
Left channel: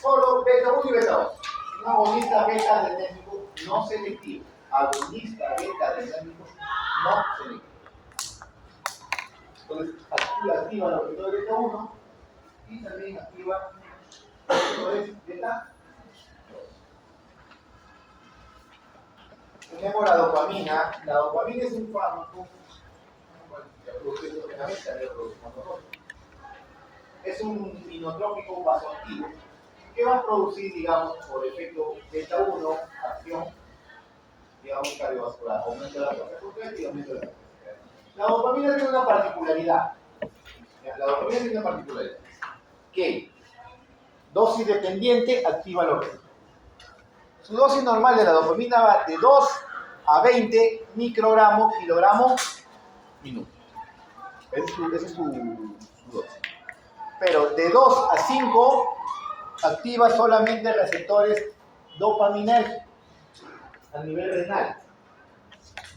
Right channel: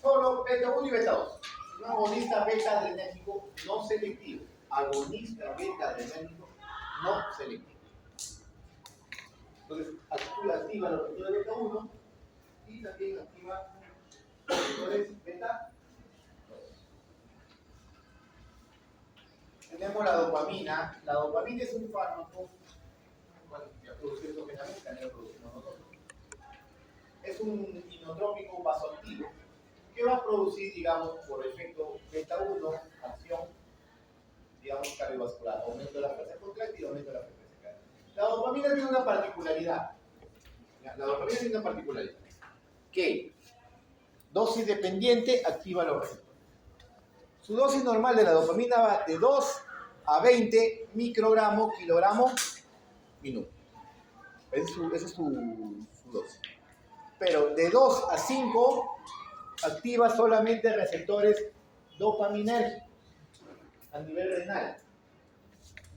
solo beta-1 y beta-2. Un agonista beta-adrenérgico no selectivo. Agonista beta-adrenérgico no selectivo. Entonces, activa los receptores beta-1 y también activa los receptores beta-2. Tenemos la dopamina. La dopamina es un fármaco. Ya produce endógenamente, ya lo producimos nosotros. Es un inotrópico vasoactivo que va a producir, digamos, por efecto beta-1, acción, digamos, cardiovascular, aumento de la fuerza contractil y aumento de la frecuencia cardíaca. La dopamina tiene una particularidad. Que dosis dependiente activa los receptores. Su dosis normal de la dopamina va de 2 a 20 microgramos, kilogramos, minuto. Esa es su dosis. Pero de 2 a 5 activa solamente receptores dopaminérgicos a nivel renal.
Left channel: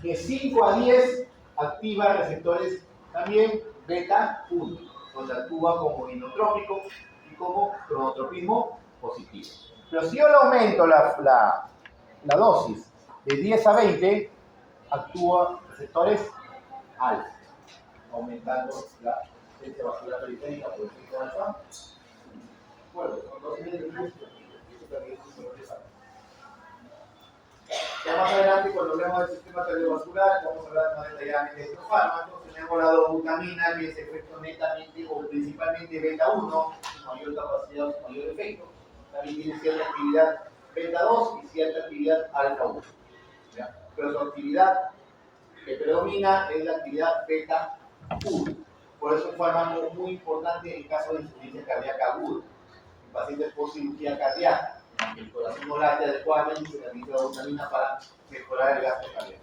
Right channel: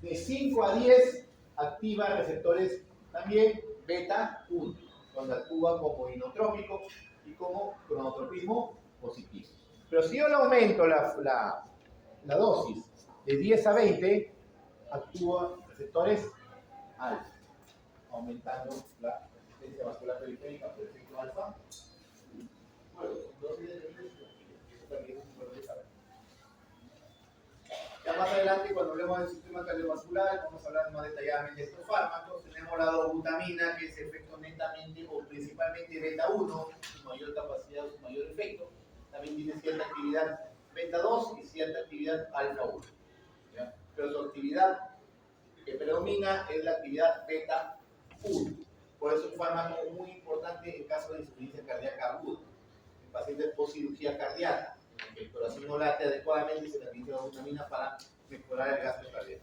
De 5 a 10 activa receptores también beta-1, donde actúa como inotrópico y como cronotropismo positivo. Pero si yo le aumento la dosis de 10 a 20, actúa receptores alfa, aumentando la resistencia vascular periférica por efecto alfa. Bueno, son dosis de gusto, y eso también es muy interesante. Ya más adelante, cuando hablemos del sistema cardiovascular, vamos a hablar más detalladamente de estos fármacos. Tenemos la dobutamina, que es efecto netamente o principalmente beta-1, mayor capacidad, mayor efecto. También tiene cierta actividad beta-2 y cierta actividad alfa-1. Pero su actividad que predomina es la actividad beta-1. Por eso es un fármaco muy importante en caso de insuficiencia cardíaca aguda. En pacientes post cirugía cardíaca, aunque el corazón no late adecuadamente, se necesita dobutamina para mejorar el gasto cardíaco.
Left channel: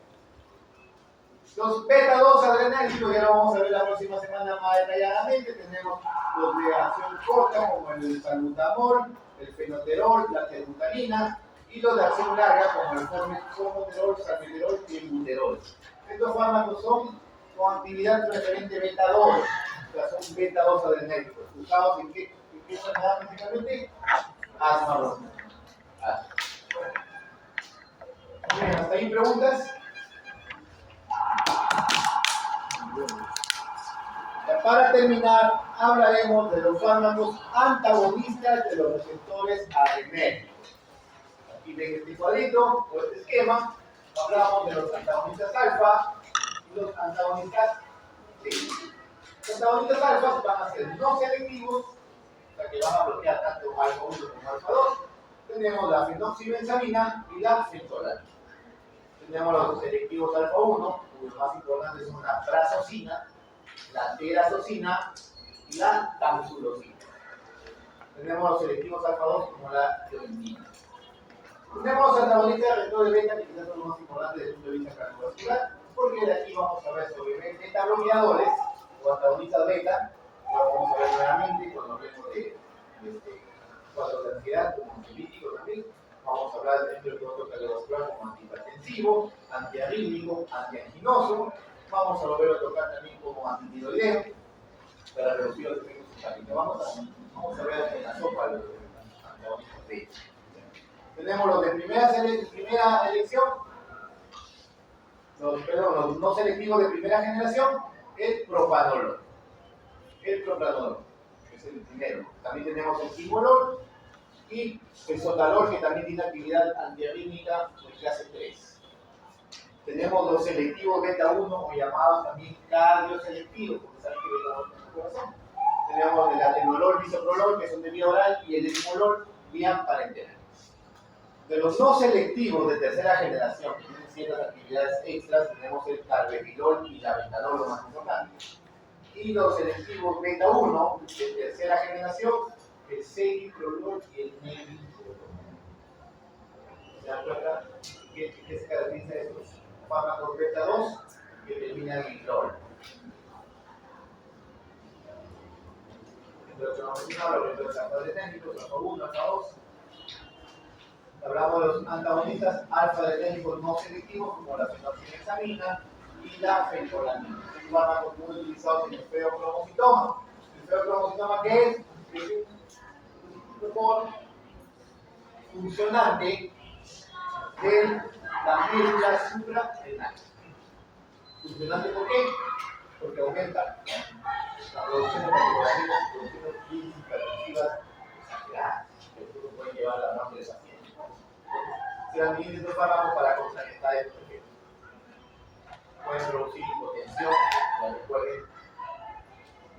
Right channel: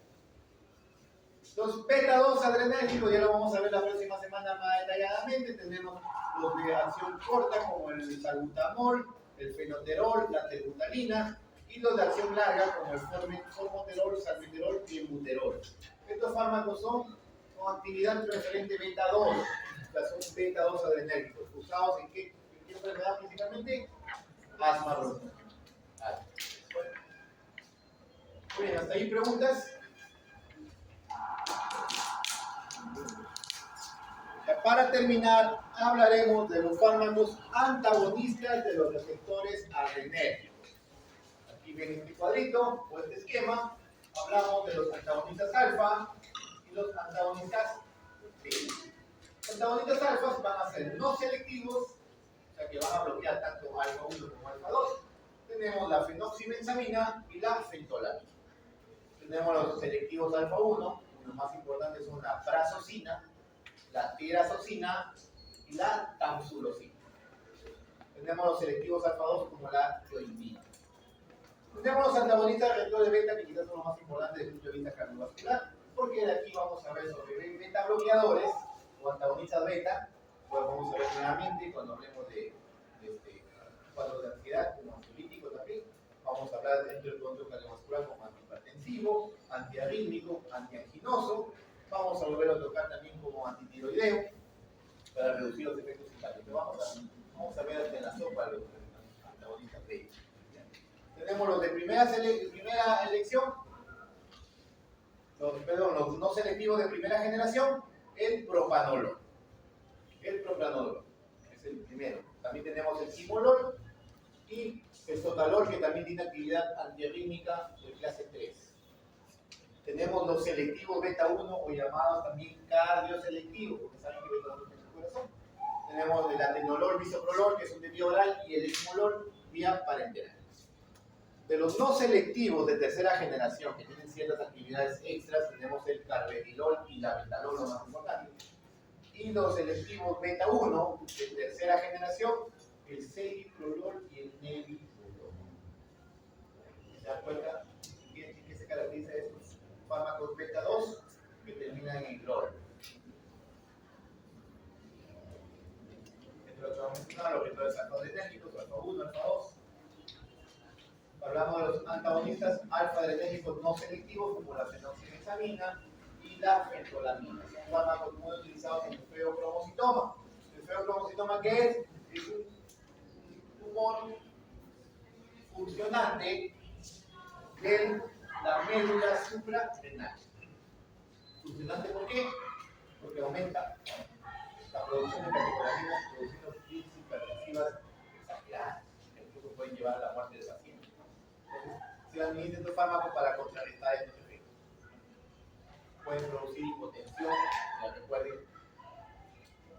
Los beta-2 adrenérgicos, ya lo vamos a ver la próxima semana más detalladamente. Tenemos los de acción corta, como el salbutamol, el fenoterol, la tebutalina, y los de acción larga, como el formoterol, salmeterol y el buterol. Estos fármacos son con actividad preferente beta 2, o sea, son beta 2 adrenérgicos. ¿Usados en qué enfermedad principalmente? Asma bronquial. Muy bien, ¿hasta ahí preguntas? Para terminar, hablaremos de los fármacos antagonistas de los receptores adrenérgicos. Aquí ven este cuadrito o este esquema. Hablamos de los antagonistas alfa y los antagonistas beta. Los antagonistas alfa van a ser no selectivos, o sea que van a bloquear tanto alfa 1 como alfa 2. Tenemos la fenoxibenzamina y la fentolanina. Tenemos los selectivos alfa 1, los más importantes son la prazosina, la terazosina y la tamsulosina. Tenemos los selectivos alfa 2 como la tiroidina. Tenemos los antagonistas de receptores beta, que quizás son los más importantes desde el punto de vista cardiovascular, porque de aquí vamos a ver sobre beta bloqueadores o antagonistas beta. Ahora vamos a ver nuevamente cuando hablemos de cuadros de ansiedad como ansiolítico también. Vamos a hablar dentro del control cardiovascular como antihipertensivo, antiarrítmico, antianginoso. Vamos a volver a tocar también como antitiroideo para reducir los efectos simpáticos. Vamos a ver en la sopa los antagonistas beta. Tenemos los de primera elección, los no selectivos de primera generación, el propanolol. El propranolol, que es el primero. También tenemos el simolol y el sotalol, que también tiene actividad antiarrítmica de clase 3. Tenemos los selectivos beta 1 o llamados también cardioselectivos, porque saben que beta 1 es el corazón. Tenemos el atenolol, bisoprolol, que son de vía oral, y el etimolol, vía parenteral. De los no selectivos de tercera generación, que tienen ciertas actividades extras, tenemos el carvedilol y la betalol, lo más importante. Y los selectivos beta 1 de tercera generación, el celiprolol y el nebiprolol. ¿Se dan cuenta qué se caracteriza de estos fármacos beta 2 que terminan en lol? Entre los que hemos mencionado, los receptores alfa-adrenérgicos, alfa 1, alfa 2. Hablamos de los antagonistas alfa-adrenérgicos no selectivos, como la fenoxibenzamina y la fentolanina. Son fármacos muy utilizados en el feocromocitoma. ¿El feocromocitoma qué es? Es un tumor funcionante de la médula suprarrenal. ¿Funcionante por qué? Porque aumenta la producción de catecolaminas y producciones hipertensivas exageradas, que pueden llevar a la muerte del paciente. Se administran estos fármacos para contrarrestar estos efectos. Pueden producir hipotensión, ya recuerden.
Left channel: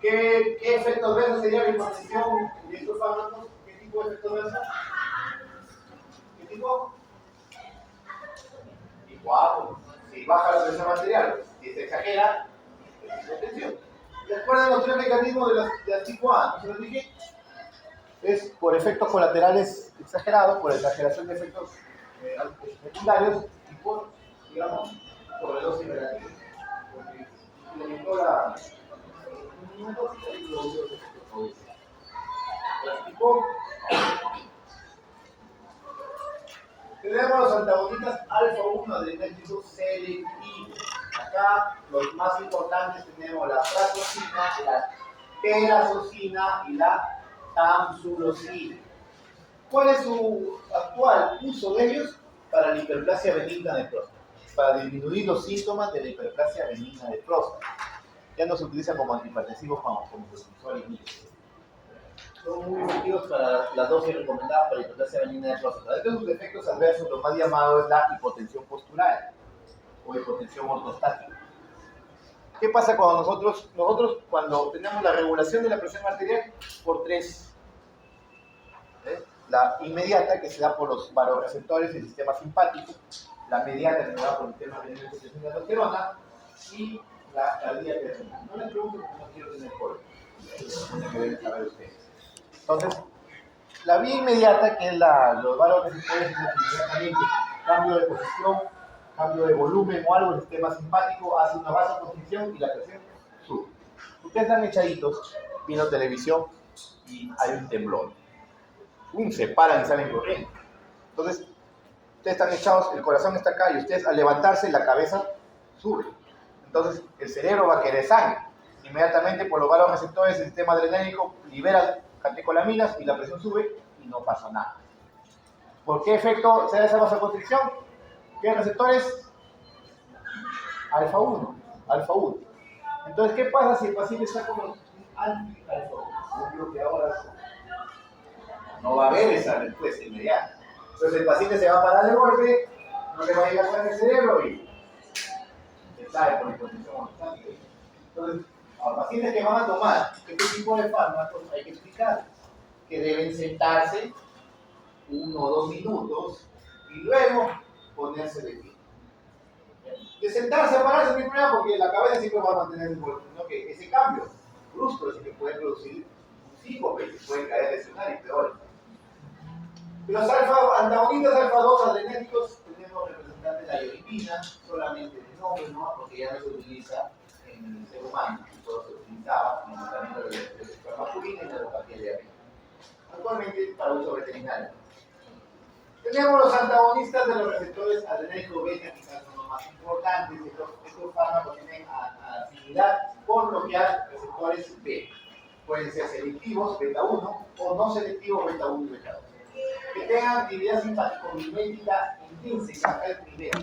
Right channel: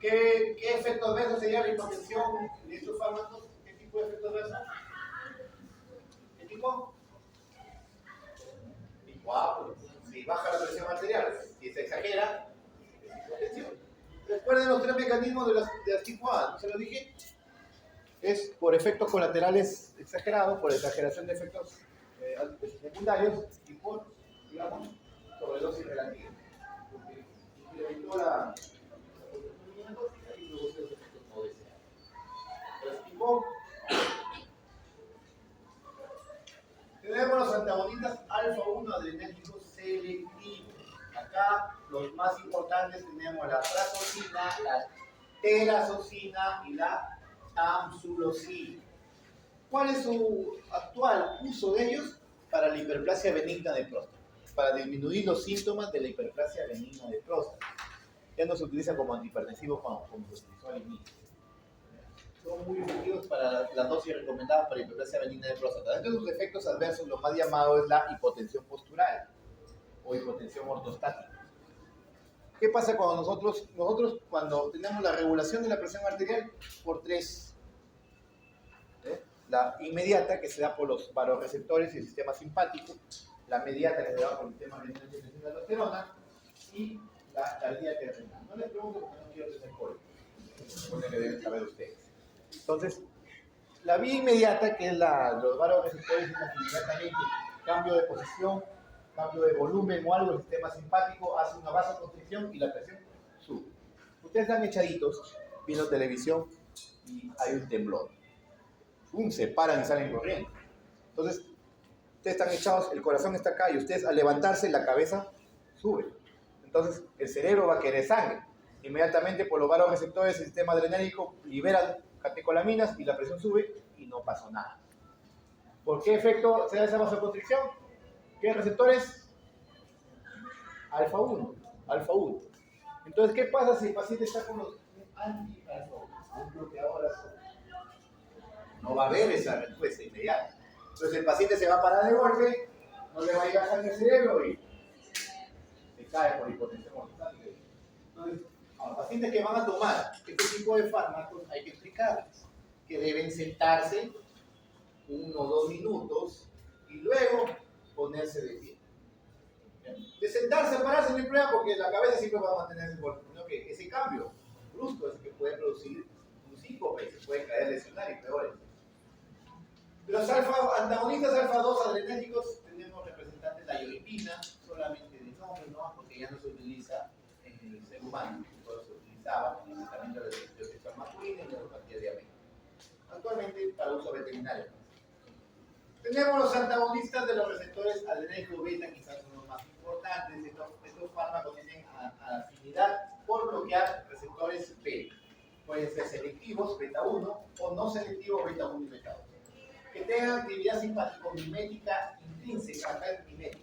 ¿Qué efectos adversos sería la hipotensión de estos fármacos? ¿Qué tipo de efectos adversos? ¿Qué tipo? Tipo A, si baja la presión arterial, si se exagera, es hipotensión. ¿Recuerdan los tres mecanismos de las tipo A? ¿No se los dije? Es por efectos colaterales exagerados, por exageración de efectos secundarios y por, digamos, sobredosis relativa. Porque incrementó la dosis y produjo los efectos colaterales. Tipo, tenemos los antagonistas alfa 1 adrenérgicos selectivos. Acá los más importantes tenemos la prazosina, la terazosina y la tamsulosina. ¿Cuál es su actual uso de ellos? Para la hiperplasia benigna de próstata, para disminuir los síntomas de la hiperplasia benigna de próstata. Ya no se utiliza como antihipertensivos como se utilizó al inicio. Son muy efectivos para las dosis recomendadas para la hiperplasia benigna de próstata. Dentro de sus efectos adversos, lo más llamado es la hipotensión postural o hipotensión ortostática. ¿Qué pasa cuando nosotros cuando tenemos la regulación de la presión arterial por tres? La inmediata, que se da por los vasoreceptores del sistema simpático, la mediata, que se da por el sistema de aldosterona, y la cardíaca renal. No les pregunto porque no quiero tener polvo. Tienen que deben saber ustedes. Entonces, la vía inmediata, que es los vasoreceptores, es inmediatamente cambio de posición, cambio de volumen o algo del sistema simpático, hace una vasoconstricción y la presión sube. Ustedes están echaditos viendo televisión y hay un temblor. Se paran y salen corriendo. Entonces, ustedes están echados, el corazón está acá y ustedes al levantarse la cabeza sube. Entonces el cerebro va a querer sangre. Inmediatamente por los valos receptores el sistema adrenérgico libera catecolaminas y la presión sube y no pasó nada. ¿Por qué efecto se da esa vasoconstricción? ¿Qué receptores? Alfa 1, alfa 1. Entonces, ¿qué pasa si el paciente está con un anti-alfa 1? Un bloqueador alfa 1. No va a haber esa respuesta inmediata. Entonces el paciente se va a parar de golpe, no le va a llegar sangre al cerebro y se cae por hipotensión ortostática. Entonces, a los pacientes que van a tomar este tipo de fármacos hay que explicarles que deben sentarse 1 o 2 minutos y luego ponerse de pie. De sentarse a pararse no hay problema porque la cabeza siempre va a mantener el golpe, ¿no? Que ese cambio brusco es el que puede producir un síncope, se puede caer, lesionar y peor. Los antagonistas alfa 2 adrenérgicos tenemos representantes de la iodina, solamente de nombre, ¿no? Porque ya no se utiliza en el ser humano, solo se utilizaba en el tratamiento de la masculina y la neuropatía diabética. Actualmente para uso veterinario. Tenemos los antagonistas de los receptores adrenérgicos beta, quizás son los más importantes. Estos fármacos tienen afinidad por bloquear receptores beta. Pueden ser selectivos, beta 1, o no selectivos, beta 1 y beta 2. Que tengan actividad simpático-mimética intrínseca, acá el primero.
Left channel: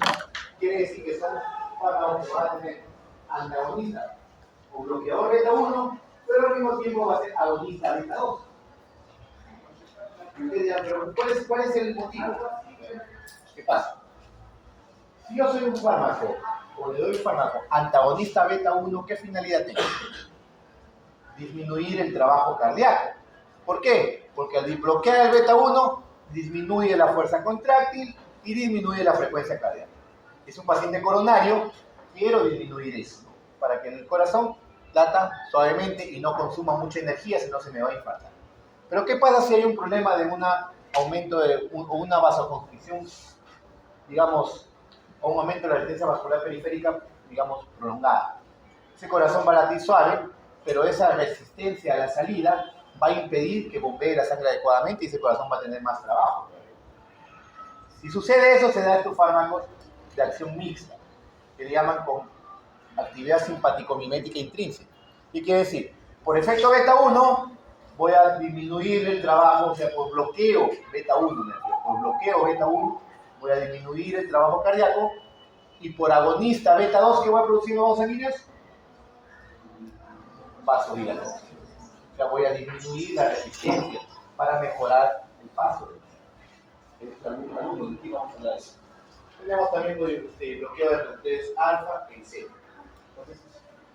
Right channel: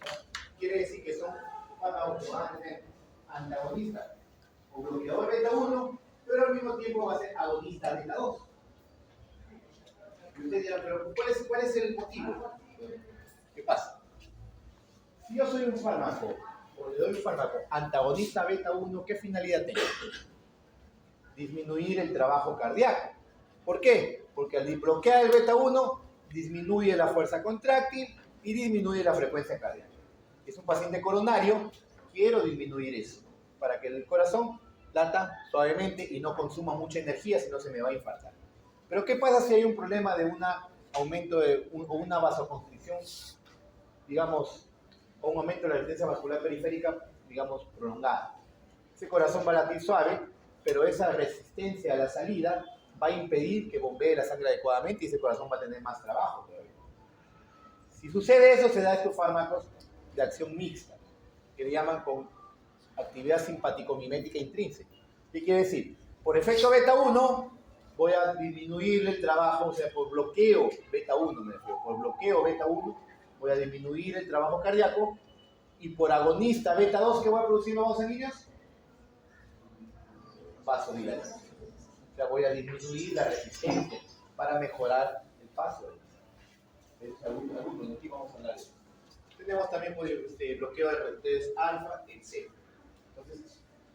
Quiere decir que son fármacos que van a tener antagonista o bloqueador beta 1, pero al mismo tiempo va a ser agonista beta 2. Y ustedes dirán, pero ¿cuál es el motivo? ¿Qué pasa? Si yo soy un fármaco, o le doy un fármaco antagonista beta 1, ¿qué finalidad tengo? Disminuir el trabajo cardíaco. ¿Por qué? Porque al bloquear el beta 1, disminuye la fuerza contráctil y disminuye la frecuencia cardíaca. Es un paciente coronario, quiero disminuir eso, para que el corazón lata suavemente y no consuma mucha energía, si no se me va a infartar. Pero ¿qué pasa si hay un problema de un aumento o una vasoconstricción, digamos, o un aumento de la resistencia vascular periférica, digamos, prolongada? Ese corazón va a latir suave, pero esa resistencia a la salida va a impedir que bombee la sangre adecuadamente y ese corazón va a tener más trabajo. Si sucede eso, se da estos fármacos de acción mixta, que le llaman con actividad simpático-mimética intrínseca. ¿Qué quiere decir? Por efecto beta 1, voy a disminuir el trabajo, o sea, por bloqueo beta 1, por bloqueo beta 1, voy a disminuir el trabajo cardíaco, y por agonista beta 2, ¿qué voy a producir nuevos sanguíneos? Vasodilatación. O sea, voy a disminuir la resistencia para mejorar el paso. Aquí vamos a hablar de eso. Tenemos también bloqueo de receptores alfa en C. Entonces,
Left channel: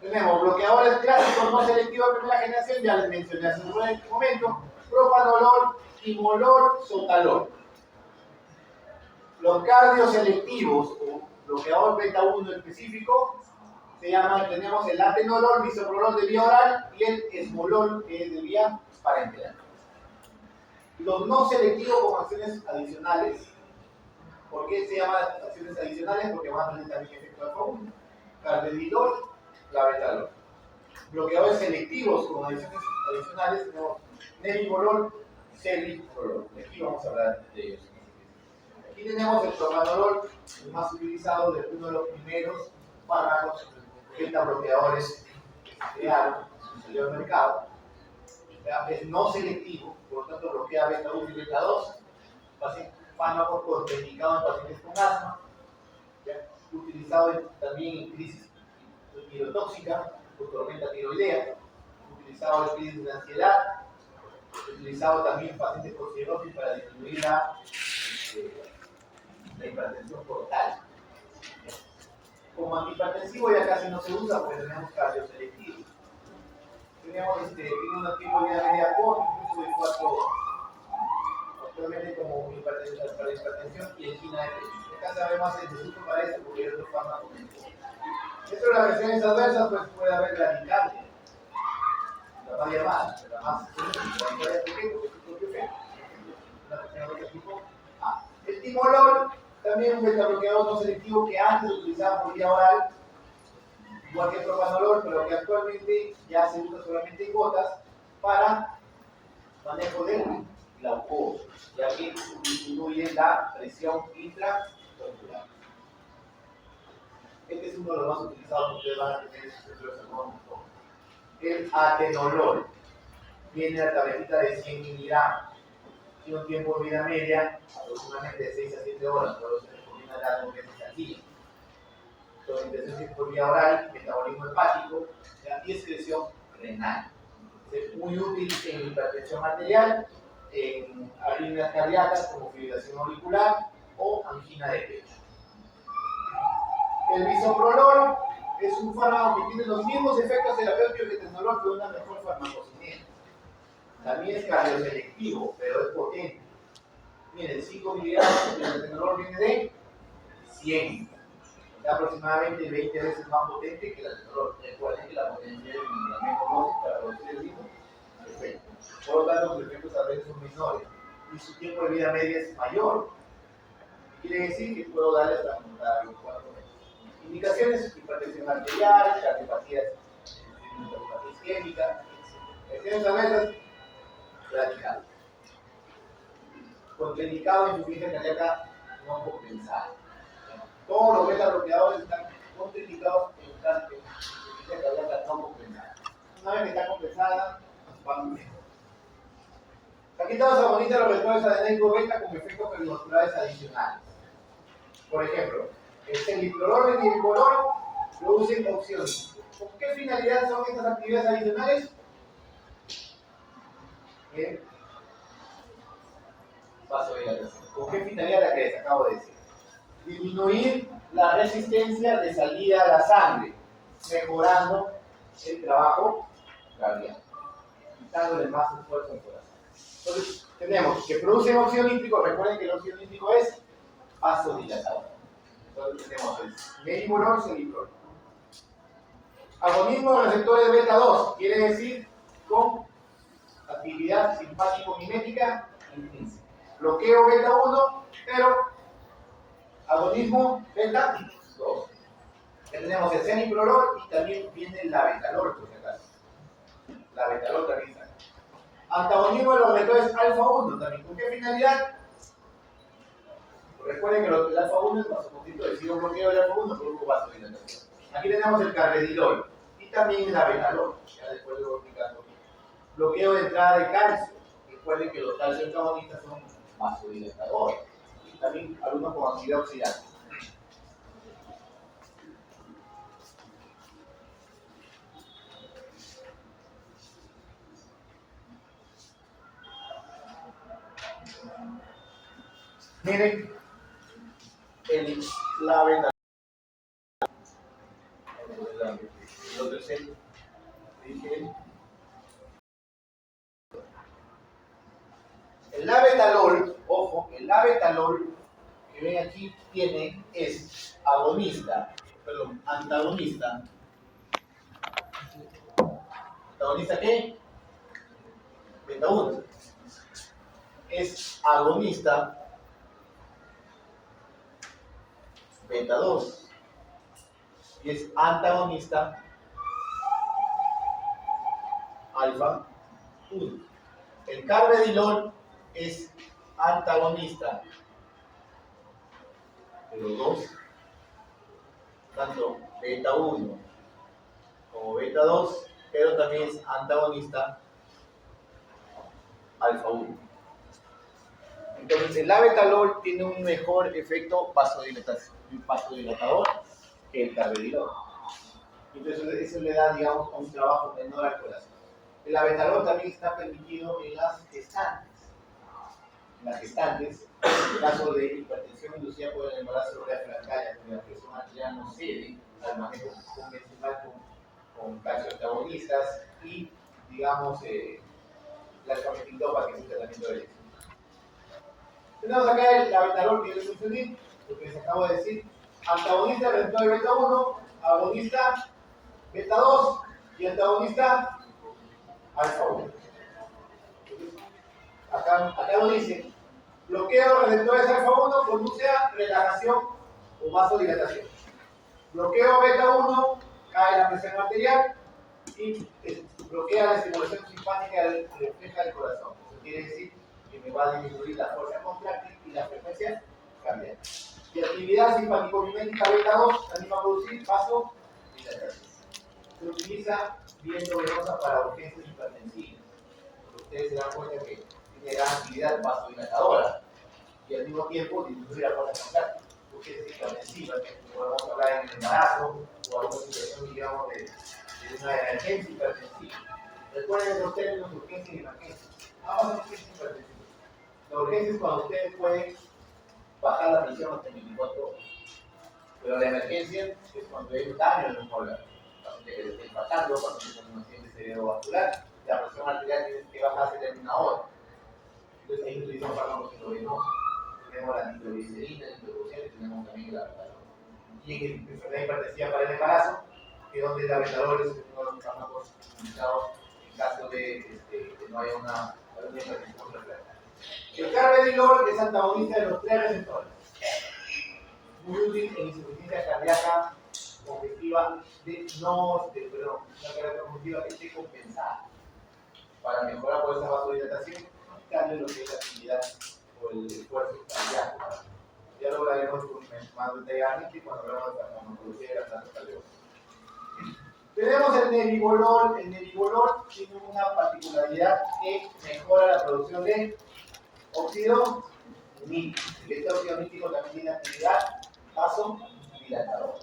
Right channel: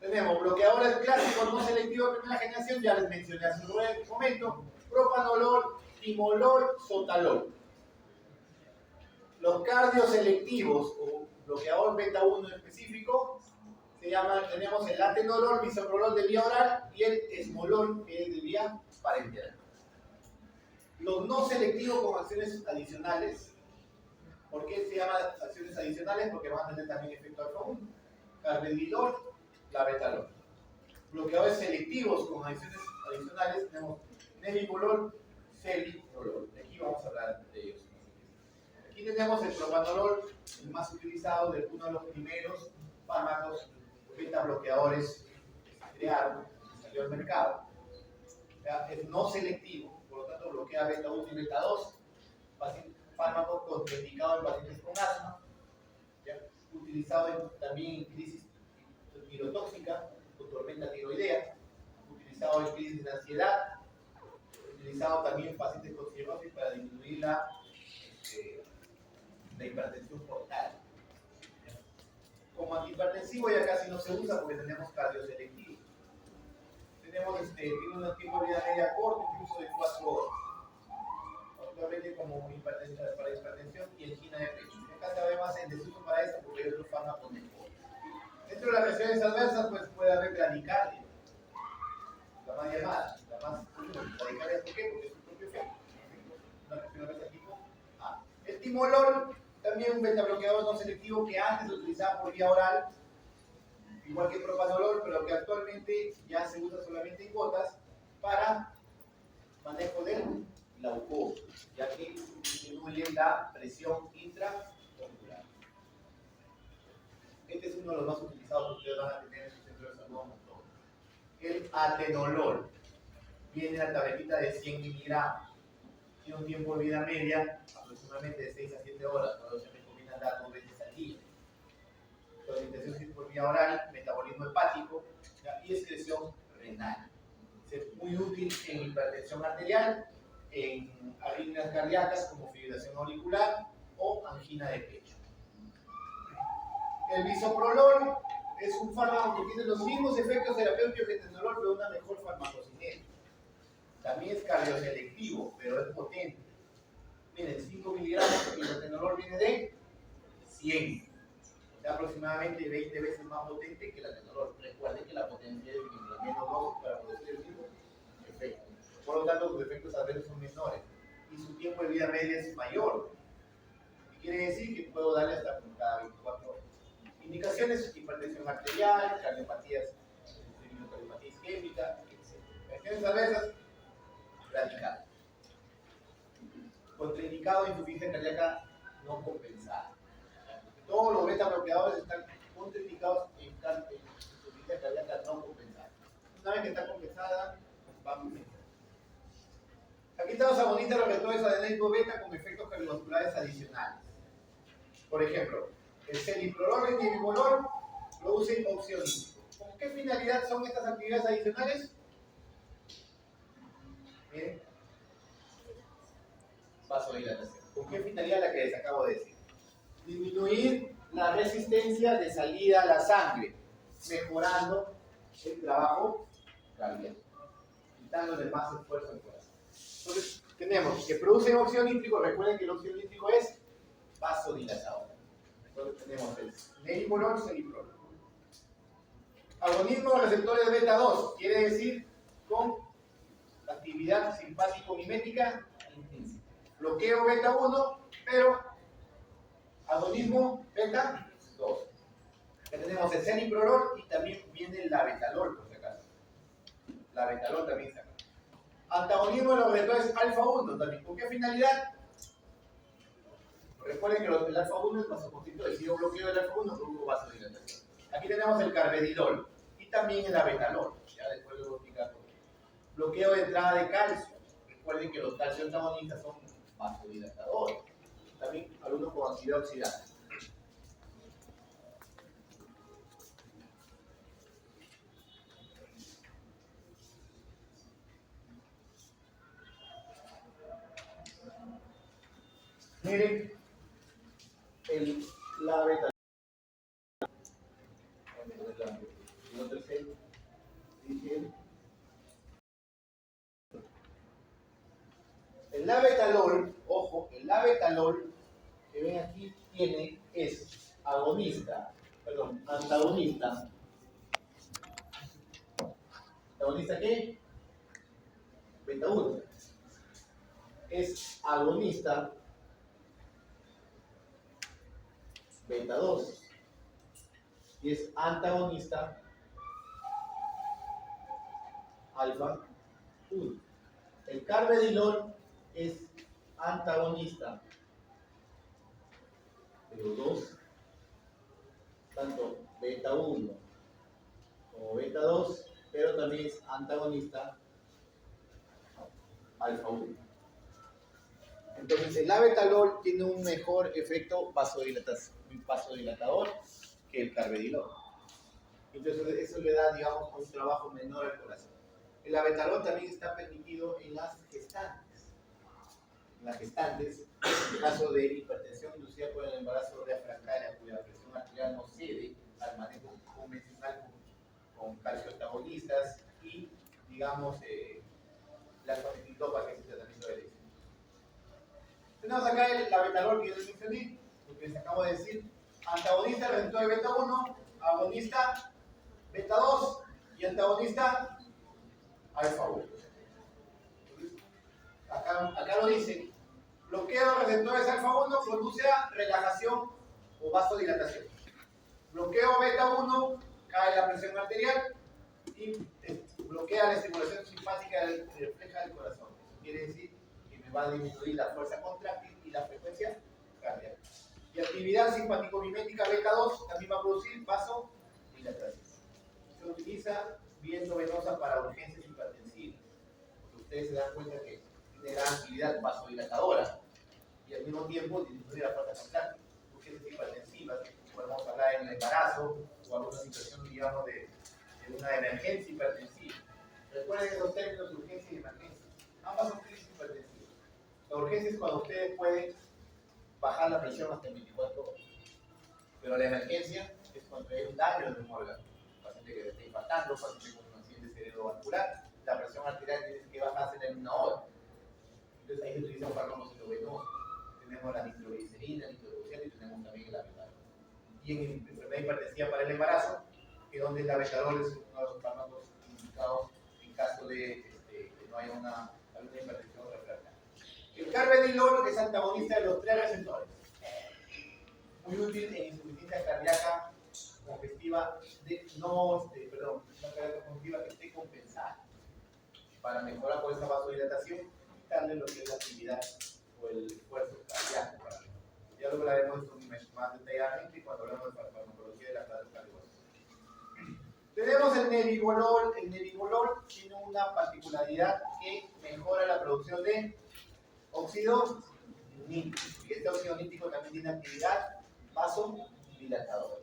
tenemos bloqueadores clásicos no selectivos de primera generación, ya les mencioné hace un momento, propanolol, timolol, sotalol. Los cardioselectivos o bloqueador beta 1 específico se llaman, tenemos el atenolol, bisoprolol de vía oral y el esmolol, que es de vía parenteral. Los no selectivos con acciones adicionales. ¿Por qué se llaman acciones adicionales? Porque van a tener también efecto alfa 1. Carvedilol, clavetalol. Bloqueadores selectivos con acciones adicionales tenemos nebivolol, celiprolol. Aquí vamos a hablar de ellos. Aquí tenemos el propanolol, el más utilizado, de uno de los primeros fármacos beta bloqueadores que se crearon, que salió al mercado. Es no selectivo, por lo tanto bloquea beta 1 y beta 2. Fármaco contraindicado en pacientes con asma, ¿ya? Utilizado también en crisis tirotóxica, con tormenta tiroidea, utilizado en crisis de ansiedad, utilizado también en pacientes con cirrosis para disminuir la hipertensión portal. Como antihipertensivo ya casi no se usa porque tenemos cardioselectivos. Tenemos tiene un tiempo de vida media corta, incluso de 4 horas. Actualmente como para hipertensión y angina de pecho. Acá sabemos el desuso para esto porque hay otros fármacos. Dentro de las reacciones adversas pues puede haber radical, la más llamada, la más radical. ¿Por qué? Porque es su propio efecto. Una reacción adversa tipo A. El timolol, también un beta bloqueador no selectivo que antes se utilizaba por vía oral, igual que el propanolol, pero que actualmente ya se usa solamente en gotas para manejo del glaucoma, ya que disminuye la presión intraocular. Este es uno de los más utilizados que ustedes van a tener en sus centros de salud. El atenolol. Viene a la tabletita de 100 miligramos. Tiene un tiempo de vida media aproximadamente de 6 a 7 horas. Luego se recomienda dar 2 veces al día. Alimentación por vía oral, metabolismo hepático, ¿ya? Y excreción renal. Es muy útil en hipertensión arterial, en arritmias cardíacas como fibrilación auricular o angina de pecho. El bisoprolol es un fármaco que tiene los mismos efectos terapéuticos que el tenolol, pero una mejor farmacocinética. También es cardioselectivo, pero es potente. Miren, 5 miligramos, el tenolol viene de 100. Es aproximadamente 20 veces más potente que el atenolol. Recuerden que la potencia es la menos dosis para producir el mismo efecto. Por lo tanto, los efectos adversos son menores y su tiempo de vida media es mayor. Quiere decir que puedo darle hasta cada 24 horas. Indicaciones: hipertensión arterial, cardiopatías isquémicas, lesiones adversas, radical. Contraindicado en insuficiencia cardíaca no compensada. Todos los beta bloqueadores están contraindicados en insuficiencia cardíaca no compensada. Una vez que está compensada, va muy bien. Aquí estamos agonistas los receptores adenérgicos beta con efectos cardiovasculares adicionales. Por ejemplo, el celiprolol y el dibiprolol producen oxígeno. ¿Con qué finalidad son estas actividades adicionales? Vasodilatación. ¿Con qué finalidad? La que les acabo de decir. Disminuir la resistencia de salida a la sangre, mejorando el trabajo cardíaco, quitándole más esfuerzo al corazón. Entonces, tenemos que producen óxido nítrico. Recuerden que el óxido nítrico es vasodilatador. Entonces, tenemos el nebivolol, celiprolol. Agonismo de receptores beta 2, quiere decir con actividad simpático-mimética intrínseca. Bloqueo beta 1, pero agonismo beta 2. Ya tenemos el ceniprolol y también viene el labetalol, por si acaso. Labetalol también está acá. Antagonismo de los receptores alfa 1 también. ¿Con qué finalidad? Recuerden que el alfa 1 es vasoconstrictor, si yo bloqueo el alfa 1, produzco vasodilatación. Aquí tenemos el carvedilol y también el labetalol. Ya después lo voy explicando. Bloqueo de entrada de calcio. Recuerden que los calcio antagonistas son vasodilatadores. Y también algunos con actividad oxidante. Miren, el labetalol. El otro es el, dije, el labetalol, ojo, el labetalol que ven aquí es antagonista. ¿Antagonista qué? Beta 1. Es agonista beta 2. Y es antagonista alfa 1. El carvedilol es antagonista de los dos, tanto beta 1 como beta 2, pero también es antagonista alfa 1. Entonces el labetalol tiene un mejor efecto vasodilatador que el carvedilol. Entonces eso le da, digamos, un trabajo menor al corazón. El labetalol también está permitido en las gestantes. En las gestantes, en caso de hipertensión inducida por el embarazo reafractaria, cuya presión arterial no cede al manejo convencional con calcio antagonistas y, digamos, las cametintopas, que es el tratamiento de elección. Tenemos acá el labetalol que yo les mencioné, lo que les acabo de decir. Antagonista del receptor beta 1, agonista beta 2 y antagonista alfa 1. Acá lo dice. Bloqueo de los receptores alfa 1 conduce a relajación o vasodilatación. Bloqueo beta 1 cae la presión arterial y bloquea la estimulación simpática refleja del corazón. Eso quiere decir que me va a disminuir la fuerza contráctil y la frecuencia cardíaca. Y actividad simpático-mimética beta 2 también va a producir vasodilatación. Se utiliza viento venosa para urgencias hipertensivas. Ustedes se dan cuenta que tiene gran actividad vasodilatadora y al mismo tiempo disminuye la fuerza constante. Urgencias hipertensivas, podemos hablar en el embarazo o alguna situación, digamos, de una emergencia hipertensiva. Recuerden los términos urgencia y emergencia. Ambas son urgencias hipertensivas. La urgencia es cuando ustedes pueden bajar la presión hasta 24 horas. Pero la emergencia es cuando hay un daño en el órgano. Cuando se está impactando, cuando se tiene un accidente cerebrovascular, la presión arterial tiene que bajarse en una hora. Entonces ahí utilizamos fármacos endovenosos. Tenemos la nitroglicerina, el nitrogluciano y tenemos también la betalol. Y en enfermedad hipertensiva para el embarazo, que es donde la betalol es uno de los fármacos utilizados en caso de que no haya una hipertensión refractaria. El carvedilol es antagonista de los tres receptores. Muy útil en insuficiencia cardíaca congestiva una cardíaca congestiva que esté compensada para mejorar por esa vasodilatación, quitarle lo que es la actividad o el esfuerzo cardíaco. Ya lo hablaremos más detalladamente cuando hablamos de la farmacología de la planta cardíaca. Tenemos el nebivolol. El nebivolol tiene una particularidad que mejora la producción de óxido nítrico. Y este óxido nítrico también tiene actividad vasodilatadora,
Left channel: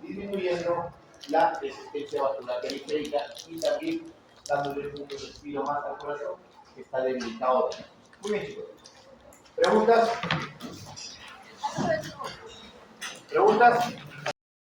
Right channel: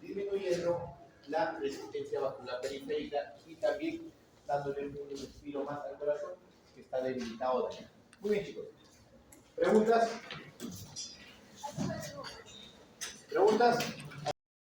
disminuyendo la resistencia vascular periférica y también dándole un respiro más al corazón que está debilitado también. Muy bien, chicos. ¿Preguntas? ¿Preguntas?